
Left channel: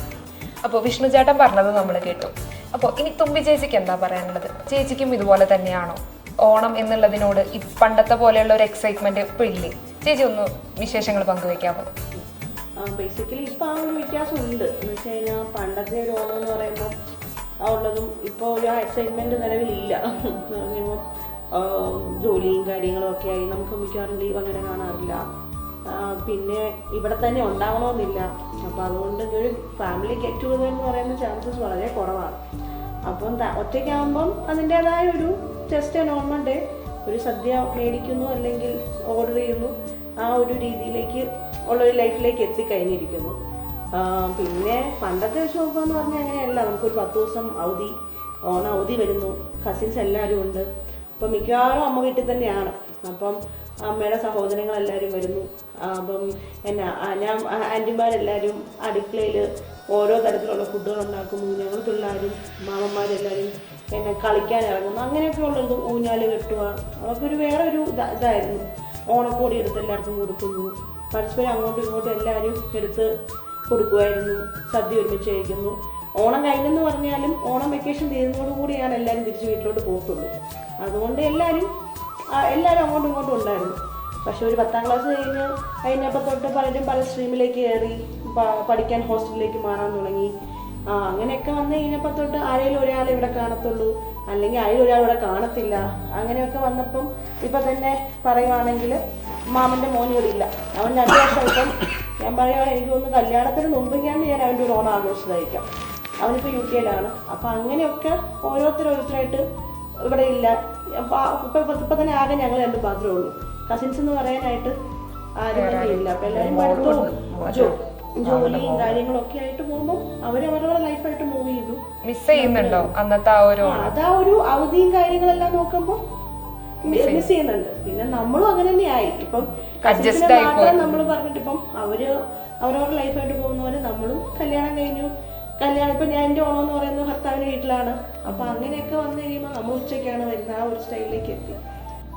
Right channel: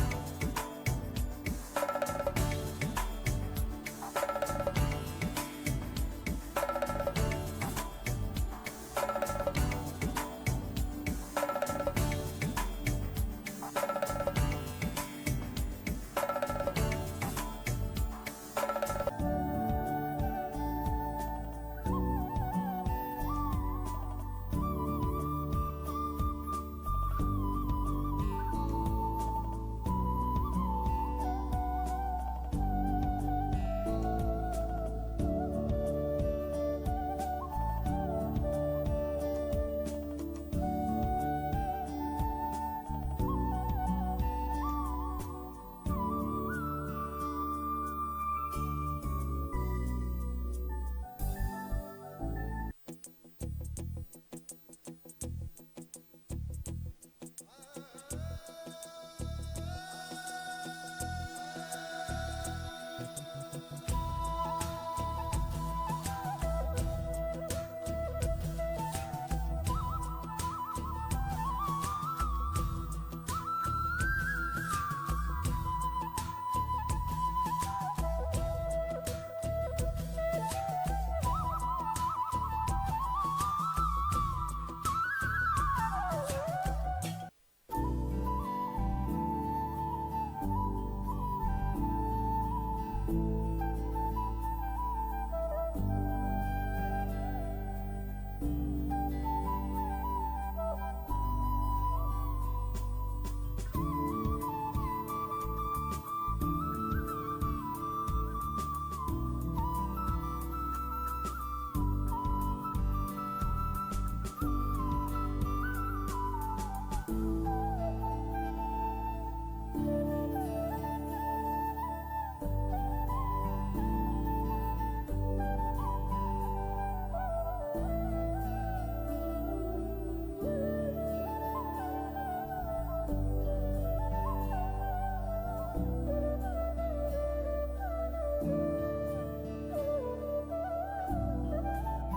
അപ്പോൾ വിഷ്ണു ചേട്ടൻ പറഞ്ഞത് നമ്മൾ കേട്ടു. അപ്പോൾ ഇനി തുമ്പി ചേച്ചിക്ക് എന്താ പറയാനുള്ളത്? ചേച്ചിക്കും ഇതുപോലെ തന്നെയാണോ ഓണം എന്നുള്ളതിനോട് പണ്ടത്തെ പോലെയുള്ള ഒരു എക്സൈറ്റ്മെന്റ് ഇപ്പോൾ ഇല്ലേ? ചേച്ചി ഒന്ന് വിശേഷങ്ങൾ പങ്കുവെക്കാമോ? ബേസിക്കലി ഇപ്പോൾ ആ ഒരു വ്യത്യാസമുണ്ട്. എന്ന് വെച്ച് കഴിഞ്ഞാൽ പണ്ടത്തെ ഒരു ഓണം എന്ന് പറയുമ്പോൾ ഉള്ളതും ഇപ്പോൾ ഒരു എക്സൈറ്റ്മെൻറ്റ് നിലവിലില്ല. ജോലിയും കാര്യങ്ങളും ഒക്കെ ആയി നമുക്ക് മിക്കവാറും ലീവ് അങ്ങനെ കാണാറില്ല. പിന്നെ ഇവിടെ തന്നെ ഉണ്ടാവണമെന്നില്ല. അപ്പോൾ അതുകൊണ്ട് ഒരു ഫാമിലി ഗെറ്റ് ടുഗദർ എന്ന് പറയുന്ന ചാൻസസ് വളരെ കുറവാണ്. അപ്പം ഒറ്റയ്ക്കാകുമ്പം അതിൻ്റേതായ ഒരു ജസ്റ്റ് നോർമൽ ഡേ, ഒരു സദ്യ മേടിക്കുന്നു അല്ലെങ്കിൽ ഓർഡർ ചെയ്യുന്നു, ആ ഒരു രീതിയിലേക്ക് ഉള്ളൊരു ലൈഫിലേക്ക് എത്തിക്കഴിഞ്ഞിരിക്കുന്നു. പിന്നെ പണ്ടത്തെ വെച്ച് നോക്കുകയെന്ന് പറഞ്ഞാൽ അങ്ങനെയല്ല. നമുക്കൊരു 10 ദിവസം അവധി, ഓണ അവധി വരുന്നു, കസിൻസ് എല്ലാവരും ഉണ്ട്. അപ്പം മിക്കവാറും അമ്മ വീട്ടിൽ തന്നെയാണ്. അപ്പം അമ്മയുടെ സഹോദരങ്ങളെല്ലാവരും വരുന്നു. അപ്പം ഞാൻ ആൻറ്റിമാരെല്ലാവരും അടുക്കളയിൽ ഓരോ തരത്തിലുള്ള ഫുഡുകൾ ഉണ്ടാക്കുന്നു. ഞങ്ങൾ പിള്ളേരും മാമന്മാരെല്ലാവരും കളിക്കാൻ ഇറങ്ങുന്നു. അങ്ങനെയൊക്കെ ഉള്ളത് ഊഞ്ഞാൽ കെട്ടുക, അതൊക്കെ വേറൊരു ഇതായിരുന്നു. ഓണക്കോടി എടുത്ത് എല്ലാവർക്കും കൊടുക്കുന്നു, പരസ്പരം അങ്ങോട്ടും ഇങ്ങോട്ടും എല്ലാവരും എടുത്ത് കൊടുക്കുമായിരുന്നു. സദ്യ ഒരുമിച്ച് കഴിക്കുന്നു. ഓണം കഴിഞ്ഞെന്ന് പറഞ്ഞാലും ഓണം വെക്കേഷൻ തീരുന്നതോടുകൂടിയാണ് എല്ലാവരും തിരിച്ച് വീട്ടിലോട്ട് പോയിട്ടുള്ളൂ. അതുകൊണ്ട് എല്ലാവരും അങ്ങോട്ടും ഇങ്ങോട്ടും ഉണ്ടായിരുന്നു. പക്ഷെ ഒരു 10ാം ക്ലാസ് കഴിഞ്ഞപ്പോൾ തൊട്ട് പലരും പല സ്ട്രീമിലേക്ക് കയറി പഠിക്കാൻ ഹോസ്റ്റലിലേക്ക് മാറാൻ തുടങ്ങി. അങ്ങനെയൊക്കെ വന്ന് കഴിഞ്ഞപ്പോൾ തൊട്ട് ആരെങ്കിലും ഒരാൾ ഇവിടെ കാണത്തുള്ളൂ, അല്ലെങ്കിൽ ആരെങ്കിലും ഒരാൾ ഇവിടെ കാണത്തില്ല. അങ്ങനെയൊക്കെ വന്നപ്പം ഇപ്പം തന്നെ പറയുവാണെങ്കിൽ മാമൻ്റെ മോൻ ഇവിടെ ഇല്ല. അവൻ 2 വർഷം ഇപ്പം ഞാൻ പറയുകയാണെങ്കിൽ എനിക്ക് തോന്നുന്നു കല്യാണത്തിന് മുമ്പൊക്കെയാണ് ഞാൻ അവൻ്റെ ഒരു ഓണം ആഘോഷിച്ചതായിരിക്കാം. അവനിപ്പോൾ UK-ലാണ്. അപ്പം അങ്ങനെയൊക്കെ ഓരോരുത്തരായിട്ട് ഇവിടെ ഇല്ല. ഇപ്പം തന്നെ ആകെ ഞങ്ങൾ 2 മാത്രമേ ഉള്ളൂ. കസിൻസ് എന്ന് പറയാനായിട്ട് ആരും തന്നെ ഇല്ല. അപ്പം എല്ലാവരും പഠിത്തവും ജോലിയും കാര്യങ്ങളൊക്കെ ആയിട്ട് പോകുമ്പോൾ അവരവരുടെ ലൈഫായിട്ട് മൂവ് ചെയ്യുന്നു. മിസ് ചെയ്യുന്നുണ്ടോ അന്നത്തെ ആ ഒരു അതാ ഒരു അവധിയും കാര്യങ്ങളെല്ലാം നോക്കുമ്പോൾ മിസ് ചെയ്യുന്നുണ്ട്. പിന്നെ നമ്മളും അങ്ങനെ തന്നെയായി. ഇപ്പം മാത്രം നമ്മൾ പറഞ്ഞിട്ട് ഇപ്പം അവരവരുടെ ലൈഫായിട്ട് പോകുന്നവരെ നമ്മളും കല്യാണം കഴിഞ്ഞു. ഇപ്പം ഞാൻ എൻ്റെ ഓണം എന്ന് പറയുന്നത് ഭർത്താവിൻ്റെ വീട്ടിലാണ്. അപ്പം അങ്ങനെയൊക്കെ വന്നു കഴിയുമ്പോൾ നമ്മൾ ഉച്ചയ്ക്കാണ് വരുന്നത്. ആ ഒരു സ്റ്റൈലിലേക്ക് എത്തി.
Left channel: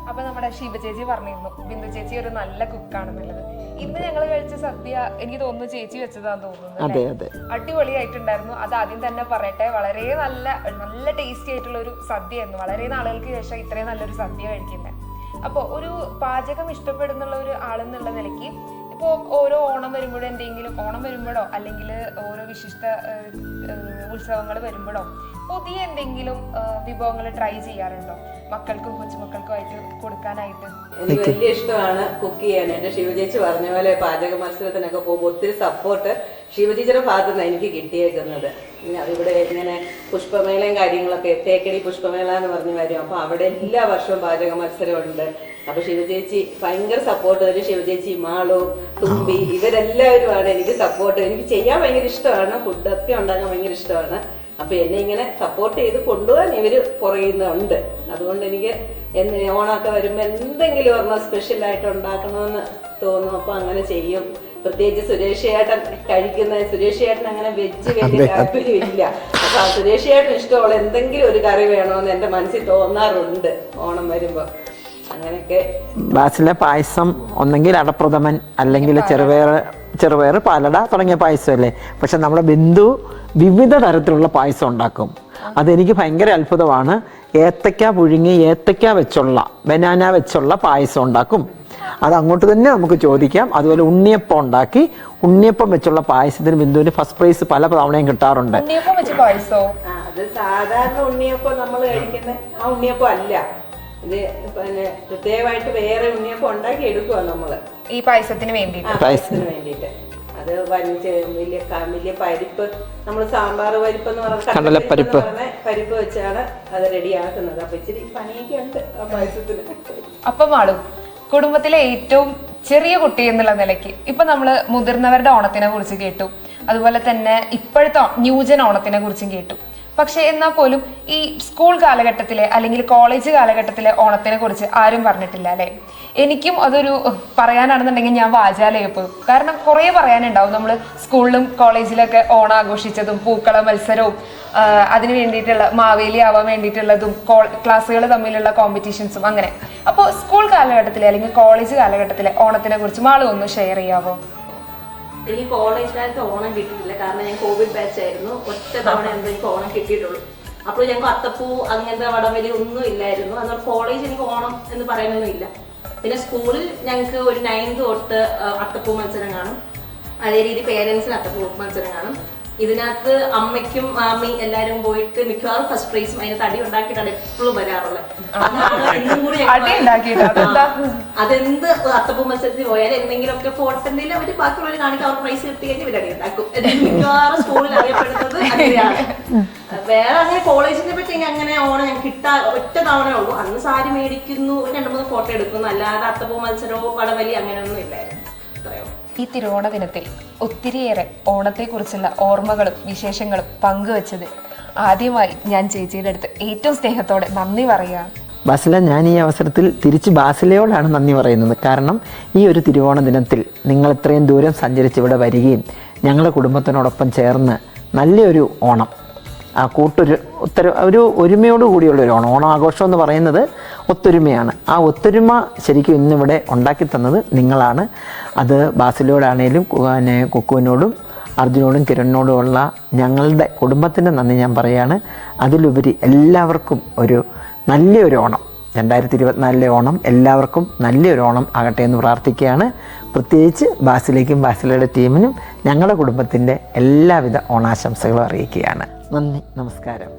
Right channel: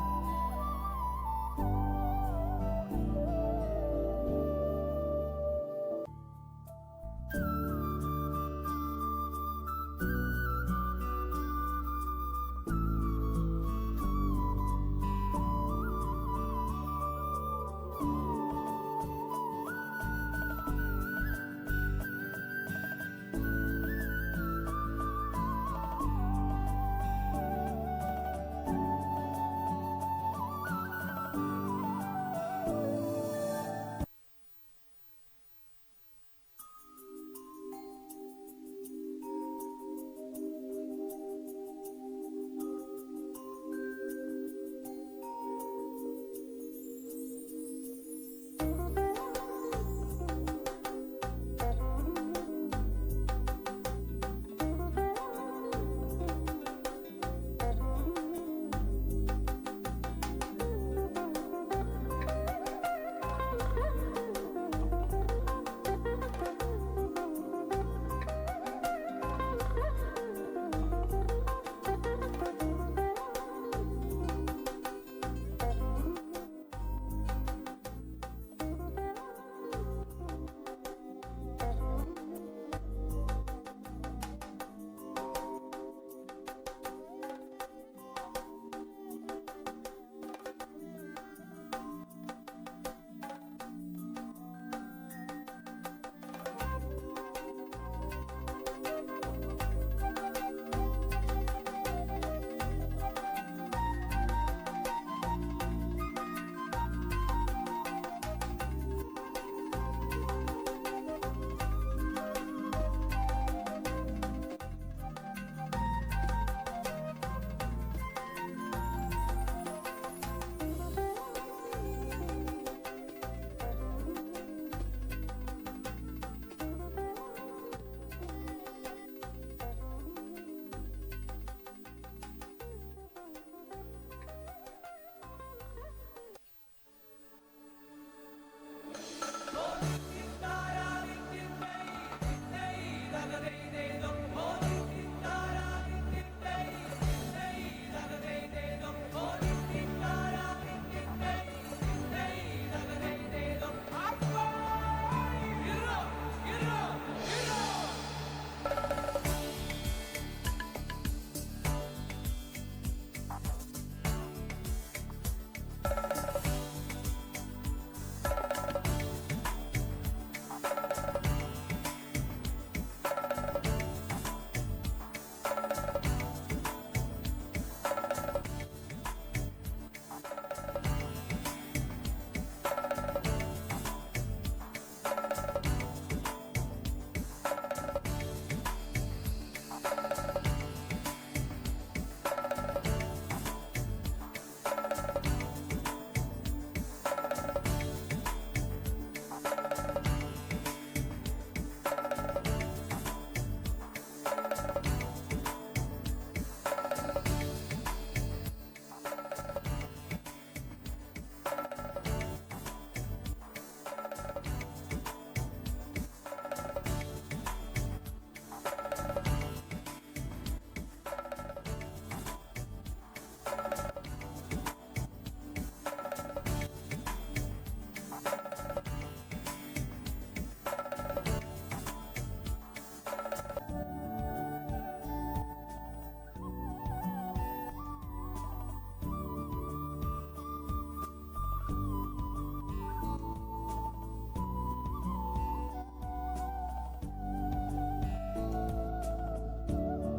അപ്പൊ നമ്മുടെ ഷീബ ചേച്ചി പറഞ്ഞിരുന്നു ബിന്ദു ചേച്ചി ഒരു നല്ല കുക്കാണെന്നുള്ളത്. ഇന്ന് ഞങ്ങൾ കഴിച്ച സദ്യ എനിക്ക് തോന്നുന്നു ചേച്ചി വെച്ചതാന്ന് തോന്നുന്നു. അടിപൊളിയായിട്ടുണ്ടായിരുന്നു. അത് ആദ്യം തന്നെ പറയട്ടെ, വളരെ നല്ല ടേസ്റ്റി ആയിട്ടുള്ള ഒരു സദ്യയായിരുന്നു. വളരെ നാളുകൾക്ക് ശേഷം ഇത്രയും നല്ലൊരു സദ്യ കഴിക്കുന്നത്. അപ്പോൾ ഒരു പാചകം ഇഷ്ടപ്പെടുന്നുള്ള ഒരു ആളെന്നുള്ള നിലയ്ക്ക് ഇപ്പോൾ ഓരോ ഓണം വരുമ്പോഴോ ഓണം വരുമ്പോഴോ അല്ലെങ്കിൽ ഓരോ വിശിഷ്ട ഉത്സവങ്ങൾ വരുമ്പോഴോ പുതിയ എന്തെങ്കിലും വിഭവങ്ങൾ ട്രൈ ചെയ്യാറുണ്ടോ? മക്കൾക്കും കൊച്ചുമക്കൾക്കും അയച്ചു കൊടുക്കാനായിട്ട്? എനിക്ക് വലിയ ഇഷ്ടമാണ് കുക്ക് ചെയ്യാൻ. എൻ്റെ ശിവചേച്ചി പറഞ്ഞ പോലെ പാചക മത്സരത്തിനൊക്കെ പോകുമ്പോൾ ഒത്തിരി സപ്പോർട്ട് ശിവചേച്ചിയുടെ ഭാഗത്തു നിന്നാണ് എനിക്ക് കിട്ടിയേക്കുന്നത്. ഇവിടെ ഇങ്ങനെ പുഷ്പമേളയും കാര്യങ്ങളൊക്കെ, തേക്കടി പുഷ്പമേള എന്ന് പറഞ്ഞ് വരും. അപ്പോൾ അവിടെ എല്ലാ വർഷവും പാചക മത്സരമുണ്ട്. അപ്പോൾ ശിവചേച്ചി ഭയങ്കര സപ്പോർട്ട് തരും. ശിവചേച്ചി, മാളു, തുമ്പി ഇവരെല്ലാവരുമാണ് എനിക്ക് സപ്പോർട്ട്. എനിക്ക് ചെയ്യാൻ ഭയങ്കര ഇഷ്ടമാണ്, ഫുഡൊക്കെ ഉണ്ടാക്കാൻ ഭയങ്കര ഇഷ്ടമാണ്. അപ്പോൾ എന്നെ ഇങ്ങനെ സപ്പോർട്ട് ചെയ്ത് കൊണ്ടുപോകാൻ ഇവർ പുറയുന്നുണ്ട്. അതുകൊണ്ട് എനിക്ക് ഓണമൊക്കെ വരുമ്പോൾ എന്തെങ്കിലും ഒരെണ്ണം സ്പെഷ്യലായിട്ട് ഉണ്ടാക്കണമെന്ന് തോന്നും. അപ്പോൾ അങ്ങനെ ചെയ്യും. പ്രത്യേകിച്ച് സുരേഷ് ചേട്ടൻ സുരേഷ് ചേട്ടൻ അങ്ങനെ വെജ് വലിയ താല്പര്യമില്ല. അപ്പോൾ ആ സുരേഷ് ചേട്ടൻ ഇഷ്ടമുള്ള എന്തെങ്കിലും ഒരു കറി വേണമെന്ന് എൻ്റെ മനസ്സിൽ തോന്നാറുണ്ട് ഓണം വരുമ്പോൾ. അങ്ങനെയൊക്കെ ബാസിലെ പായസം ഒന്നെങ്കിൽ അടപ്രഥമൻ അല്ലെങ്കിൽ ചെറുപയർ പാലട തുടങ്ങിയ പായസമല്ലേ. പക്ഷെ നമ്മുടെ ബിന്ദു വിവിധ തരത്തിലുള്ള പായസം ഉണ്ടാക്കും. അതെനിക്ക് ഭയങ്കര അത്ഭുതമാണ്. ഏത്തക്ക പുഴുങ്ങി ഏത്തക്ക വെച്ചുള്ള ബനാന വെച്ചുള്ള പായസം ഉണ്ടാക്കും. അത് അങ്ങോട്ട് തന്നെ നമുക്ക് ചോദിക്കാം. അതുപോലെ ഉണ്ണിയപ്പം ഉണ്ടാക്കി ഉണ്ണിയപ്പം വെച്ചുള്ള പായസത്തിന് ബിന്ദുവിന് ഫസ്റ്റ് പ്രൈസ് പല തവണയും കിട്ടാറുണ്ട്. ഉണ്ണിയപ്പം വെച്ച് പായസോ? അത് സാധാരണ ഉണ്ണിയപ്പം നമ്മൾ കഴിക്കുന്ന ആ ഉണ്ണിയപ്പം അല്ല. ഇത് പിന്നെ പ്രത്യേകമായിട്ട് വേറെ ഉണ്ണിയപ്പം ഉണ്ടാക്കി എടുക്കുക നമ്മള് ഈ പായസത്തിന് വേണ്ടിയിട്ട്. പായസത്തിന് വേണ്ടിയിട്ട് അത് വലിയ പരിപ്പ്, നമ്മൾ സാമ്പാർ പരിപ്പ് എന്ന് പറഞ്ഞ കടലപ്പരിപ്പ് പരിപ്പ് വെച്ചാണ് അത് റെഡിയാക്കുന്നത്. അപ്പൊ ഇച്ചിരി പണിയൊക്കെ ഉണ്ട് ആ പായസത്തിന്. അപ്പം മാളും, കുടുംബത്തിലെ ഏറ്റവും ചെറിയ കുട്ടി എന്നുള്ള നിലയ്ക്ക് ഇപ്പൊ നമ്മള് മുതിർന്നവരുടെ ഓണത്തിനെ കുറിച്ച് കേട്ടു, അതുപോലെ തന്നെ ഇപ്പോഴത്തെ ന്യൂജൻ ഓണത്തിനെ കുറിച്ചും കേട്ടു. പക്ഷെ എന്നാൽ പോലും ഈ സ്കൂൾ കാലഘട്ടത്തിലെ അല്ലെങ്കിൽ കോളേജ് കാലഘട്ടത്തിലെ ഓണത്തിനെ കുറിച്ച് ആരും പറഞ്ഞിട്ടില്ല അല്ലേ? എനിക്കും അതൊരു പറയാനാണെന്നുണ്ടെങ്കിൽ ഞാൻ വാചാലയപ്പോൾ. കാരണം കുറേ പറയാനുണ്ടാവും. നമ്മൾ സ്കൂളിലും കോളേജിലൊക്കെ ഓണം ആഘോഷിച്ചതും പൂക്കള മത്സരവും അതിന് വേണ്ടിയിട്ടുള്ള മാവേലി ആവാൻ വേണ്ടിയിട്ടുള്ളതും ക്ലാസ്സുകൾ തമ്മിലുള്ള കോമ്പറ്റീഷൻസും അങ്ങനെ. അപ്പോൾ സ്കൂൾ കാലഘട്ടത്തിലെ അല്ലെങ്കിൽ കോളേജ് കാലഘട്ടത്തിലെ ഓണത്തിനെ കുറിച്ച് മാളും ഒന്ന് ഷെയർ ചെയ്യാവോ? എനിക്ക് കോളേജ് കാലത്ത് ഓണം കിട്ടിയില്ല. കാരണം ഞാൻ കോവിഡ് ബാച്ച് ആയിരുന്നു. ഒറ്റ തവണ എനിക്ക് ഓണം കിട്ടിയിട്ടുള്ളൂ. അപ്പോൾ ഞങ്ങൾക്ക് അത്തപ്പൂ അങ്ങനത്തെ വടംവലി ഒന്നും ഇല്ലായിരുന്നു. അതുകൊണ്ട് കോളേജ് എനിക്ക് ഓണം എന്ന് പറയാനൊന്നും ഇല്ല. പിന്നെ സ്കൂളിൽ ഞങ്ങൾക്ക് ഒരു 9th തൊട്ട് അത്തപ്പൂ മത്സരം കാണും. അതേ രീതി പേരൻസിന് അത്തപ്പൂ മത്സരം കാണും. ഇതിനകത്ത് അമ്മയ്ക്കും മാമി എല്ലാവരും പോയിട്ട് മിക്കവാറും ഫസ്റ്റ് പ്രൈസും അതിന് തടി ഉണ്ടാക്കിയിട്ടാണ് എപ്പോഴും വരാറുള്ളത്. അതെന്ത് അത്തപ്പൂ മത്സരത്തിൽ പോയാലും എന്തെങ്കിലുമൊക്കെ ഫോട്ടോയിൽ അവർ ബാക്കിയുള്ളവർ കാണിക്കാൻ അവർ പ്രൈസ് കിട്ടി കഴിഞ്ഞ് ഇവരടി ഉണ്ടാക്കും. മിക്കവാറും സ്കൂളിൽ അറിയപ്പെടുന്നത് അങ്ങനെയാണ്. വേറെ അങ്ങനെ കോളേജിനെ പറ്റി അങ്ങനെ ഓണം ഞങ്ങൾക്ക് കിട്ടാൻ ഒറ്റ തവണ ഉള്ളൂ. അന്ന് സാരി മേടിക്കുന്നു, 2-3 ഫോട്ടോ എടുക്കുന്നു, അല്ലാതെ അത്തപ്പൂ മത്സരമോ വടംവലി അങ്ങനെയൊന്നും ഇല്ലായിരുന്നു. ഈ തിരുവോണ ദിനത്തിൽ ഒത്തിരിയേറെ ഓണത്തെക്കുറിച്ചുള്ള ഓർമ്മകളും വിശേഷങ്ങളും പങ്കുവച്ചത് ആദ്യമായി ഞാൻ ചേച്ചിയുടെ അടുത്ത് ഏറ്റവും സ്നേഹത്തോടെ നന്ദി പറയുകയാണ്. ബാസില, ഞാൻ ഈ അവസരത്തിൽ തിരിച്ച് ബാസിലയോടാണ് നന്ദി പറയുന്നത്. കാരണം ഈ ഒരു തിരുവോണ ദിനത്തിൽ നിങ്ങൾ ഇത്രയും ദൂരം സഞ്ചരിച്ച് ഇവിടെ വരികയും ഞങ്ങളുടെ കുടുംബത്തിനോടൊപ്പം ചേർന്ന് നല്ലൊരു ഓണം, ആ ഒരു ഒരുമയോട് കൂടിയുള്ളൊരു ഓണം. ഓണാഘോഷം എന്ന് പറയുന്നത് ഒത്തൊരുമയാണ്. ആ ഒത്തൊരുമ ശരിക്കും ഇന്നിവിടെ ഉണ്ടാക്കി തന്നത് നിങ്ങളാണ്. അത് ബാസിലോടാണേലും കുക്കുവിനോടും അർജുനോടും കിരണിനോടുമുള്ള ഞങ്ങളുടെ കുടുംബത്തിൻ്റെ നന്ദി ഞാൻ പറയുകയാണ്. അതിലുപരി എല്ലാവർക്കും ഒരു നല്ലൊരു ഓണം, 2024 ഓണം എല്ലാവർക്കും നല്ലൊരു ഓണം ആകട്ടെ എന്ന് പ്രാർത്ഥിക്കുകയാണ്. പ്രത്യേകിച്ച് ബാസിലേക്കും ബാസിലയുടെ ടീമിനും ഞങ്ങളുടെ കുടുംബത്തിൻ്റെ എല്ലാവിധ ഓണാശംസകളും അറിയിക്കുകയാണ്. നന്ദി, നമസ്കാരം.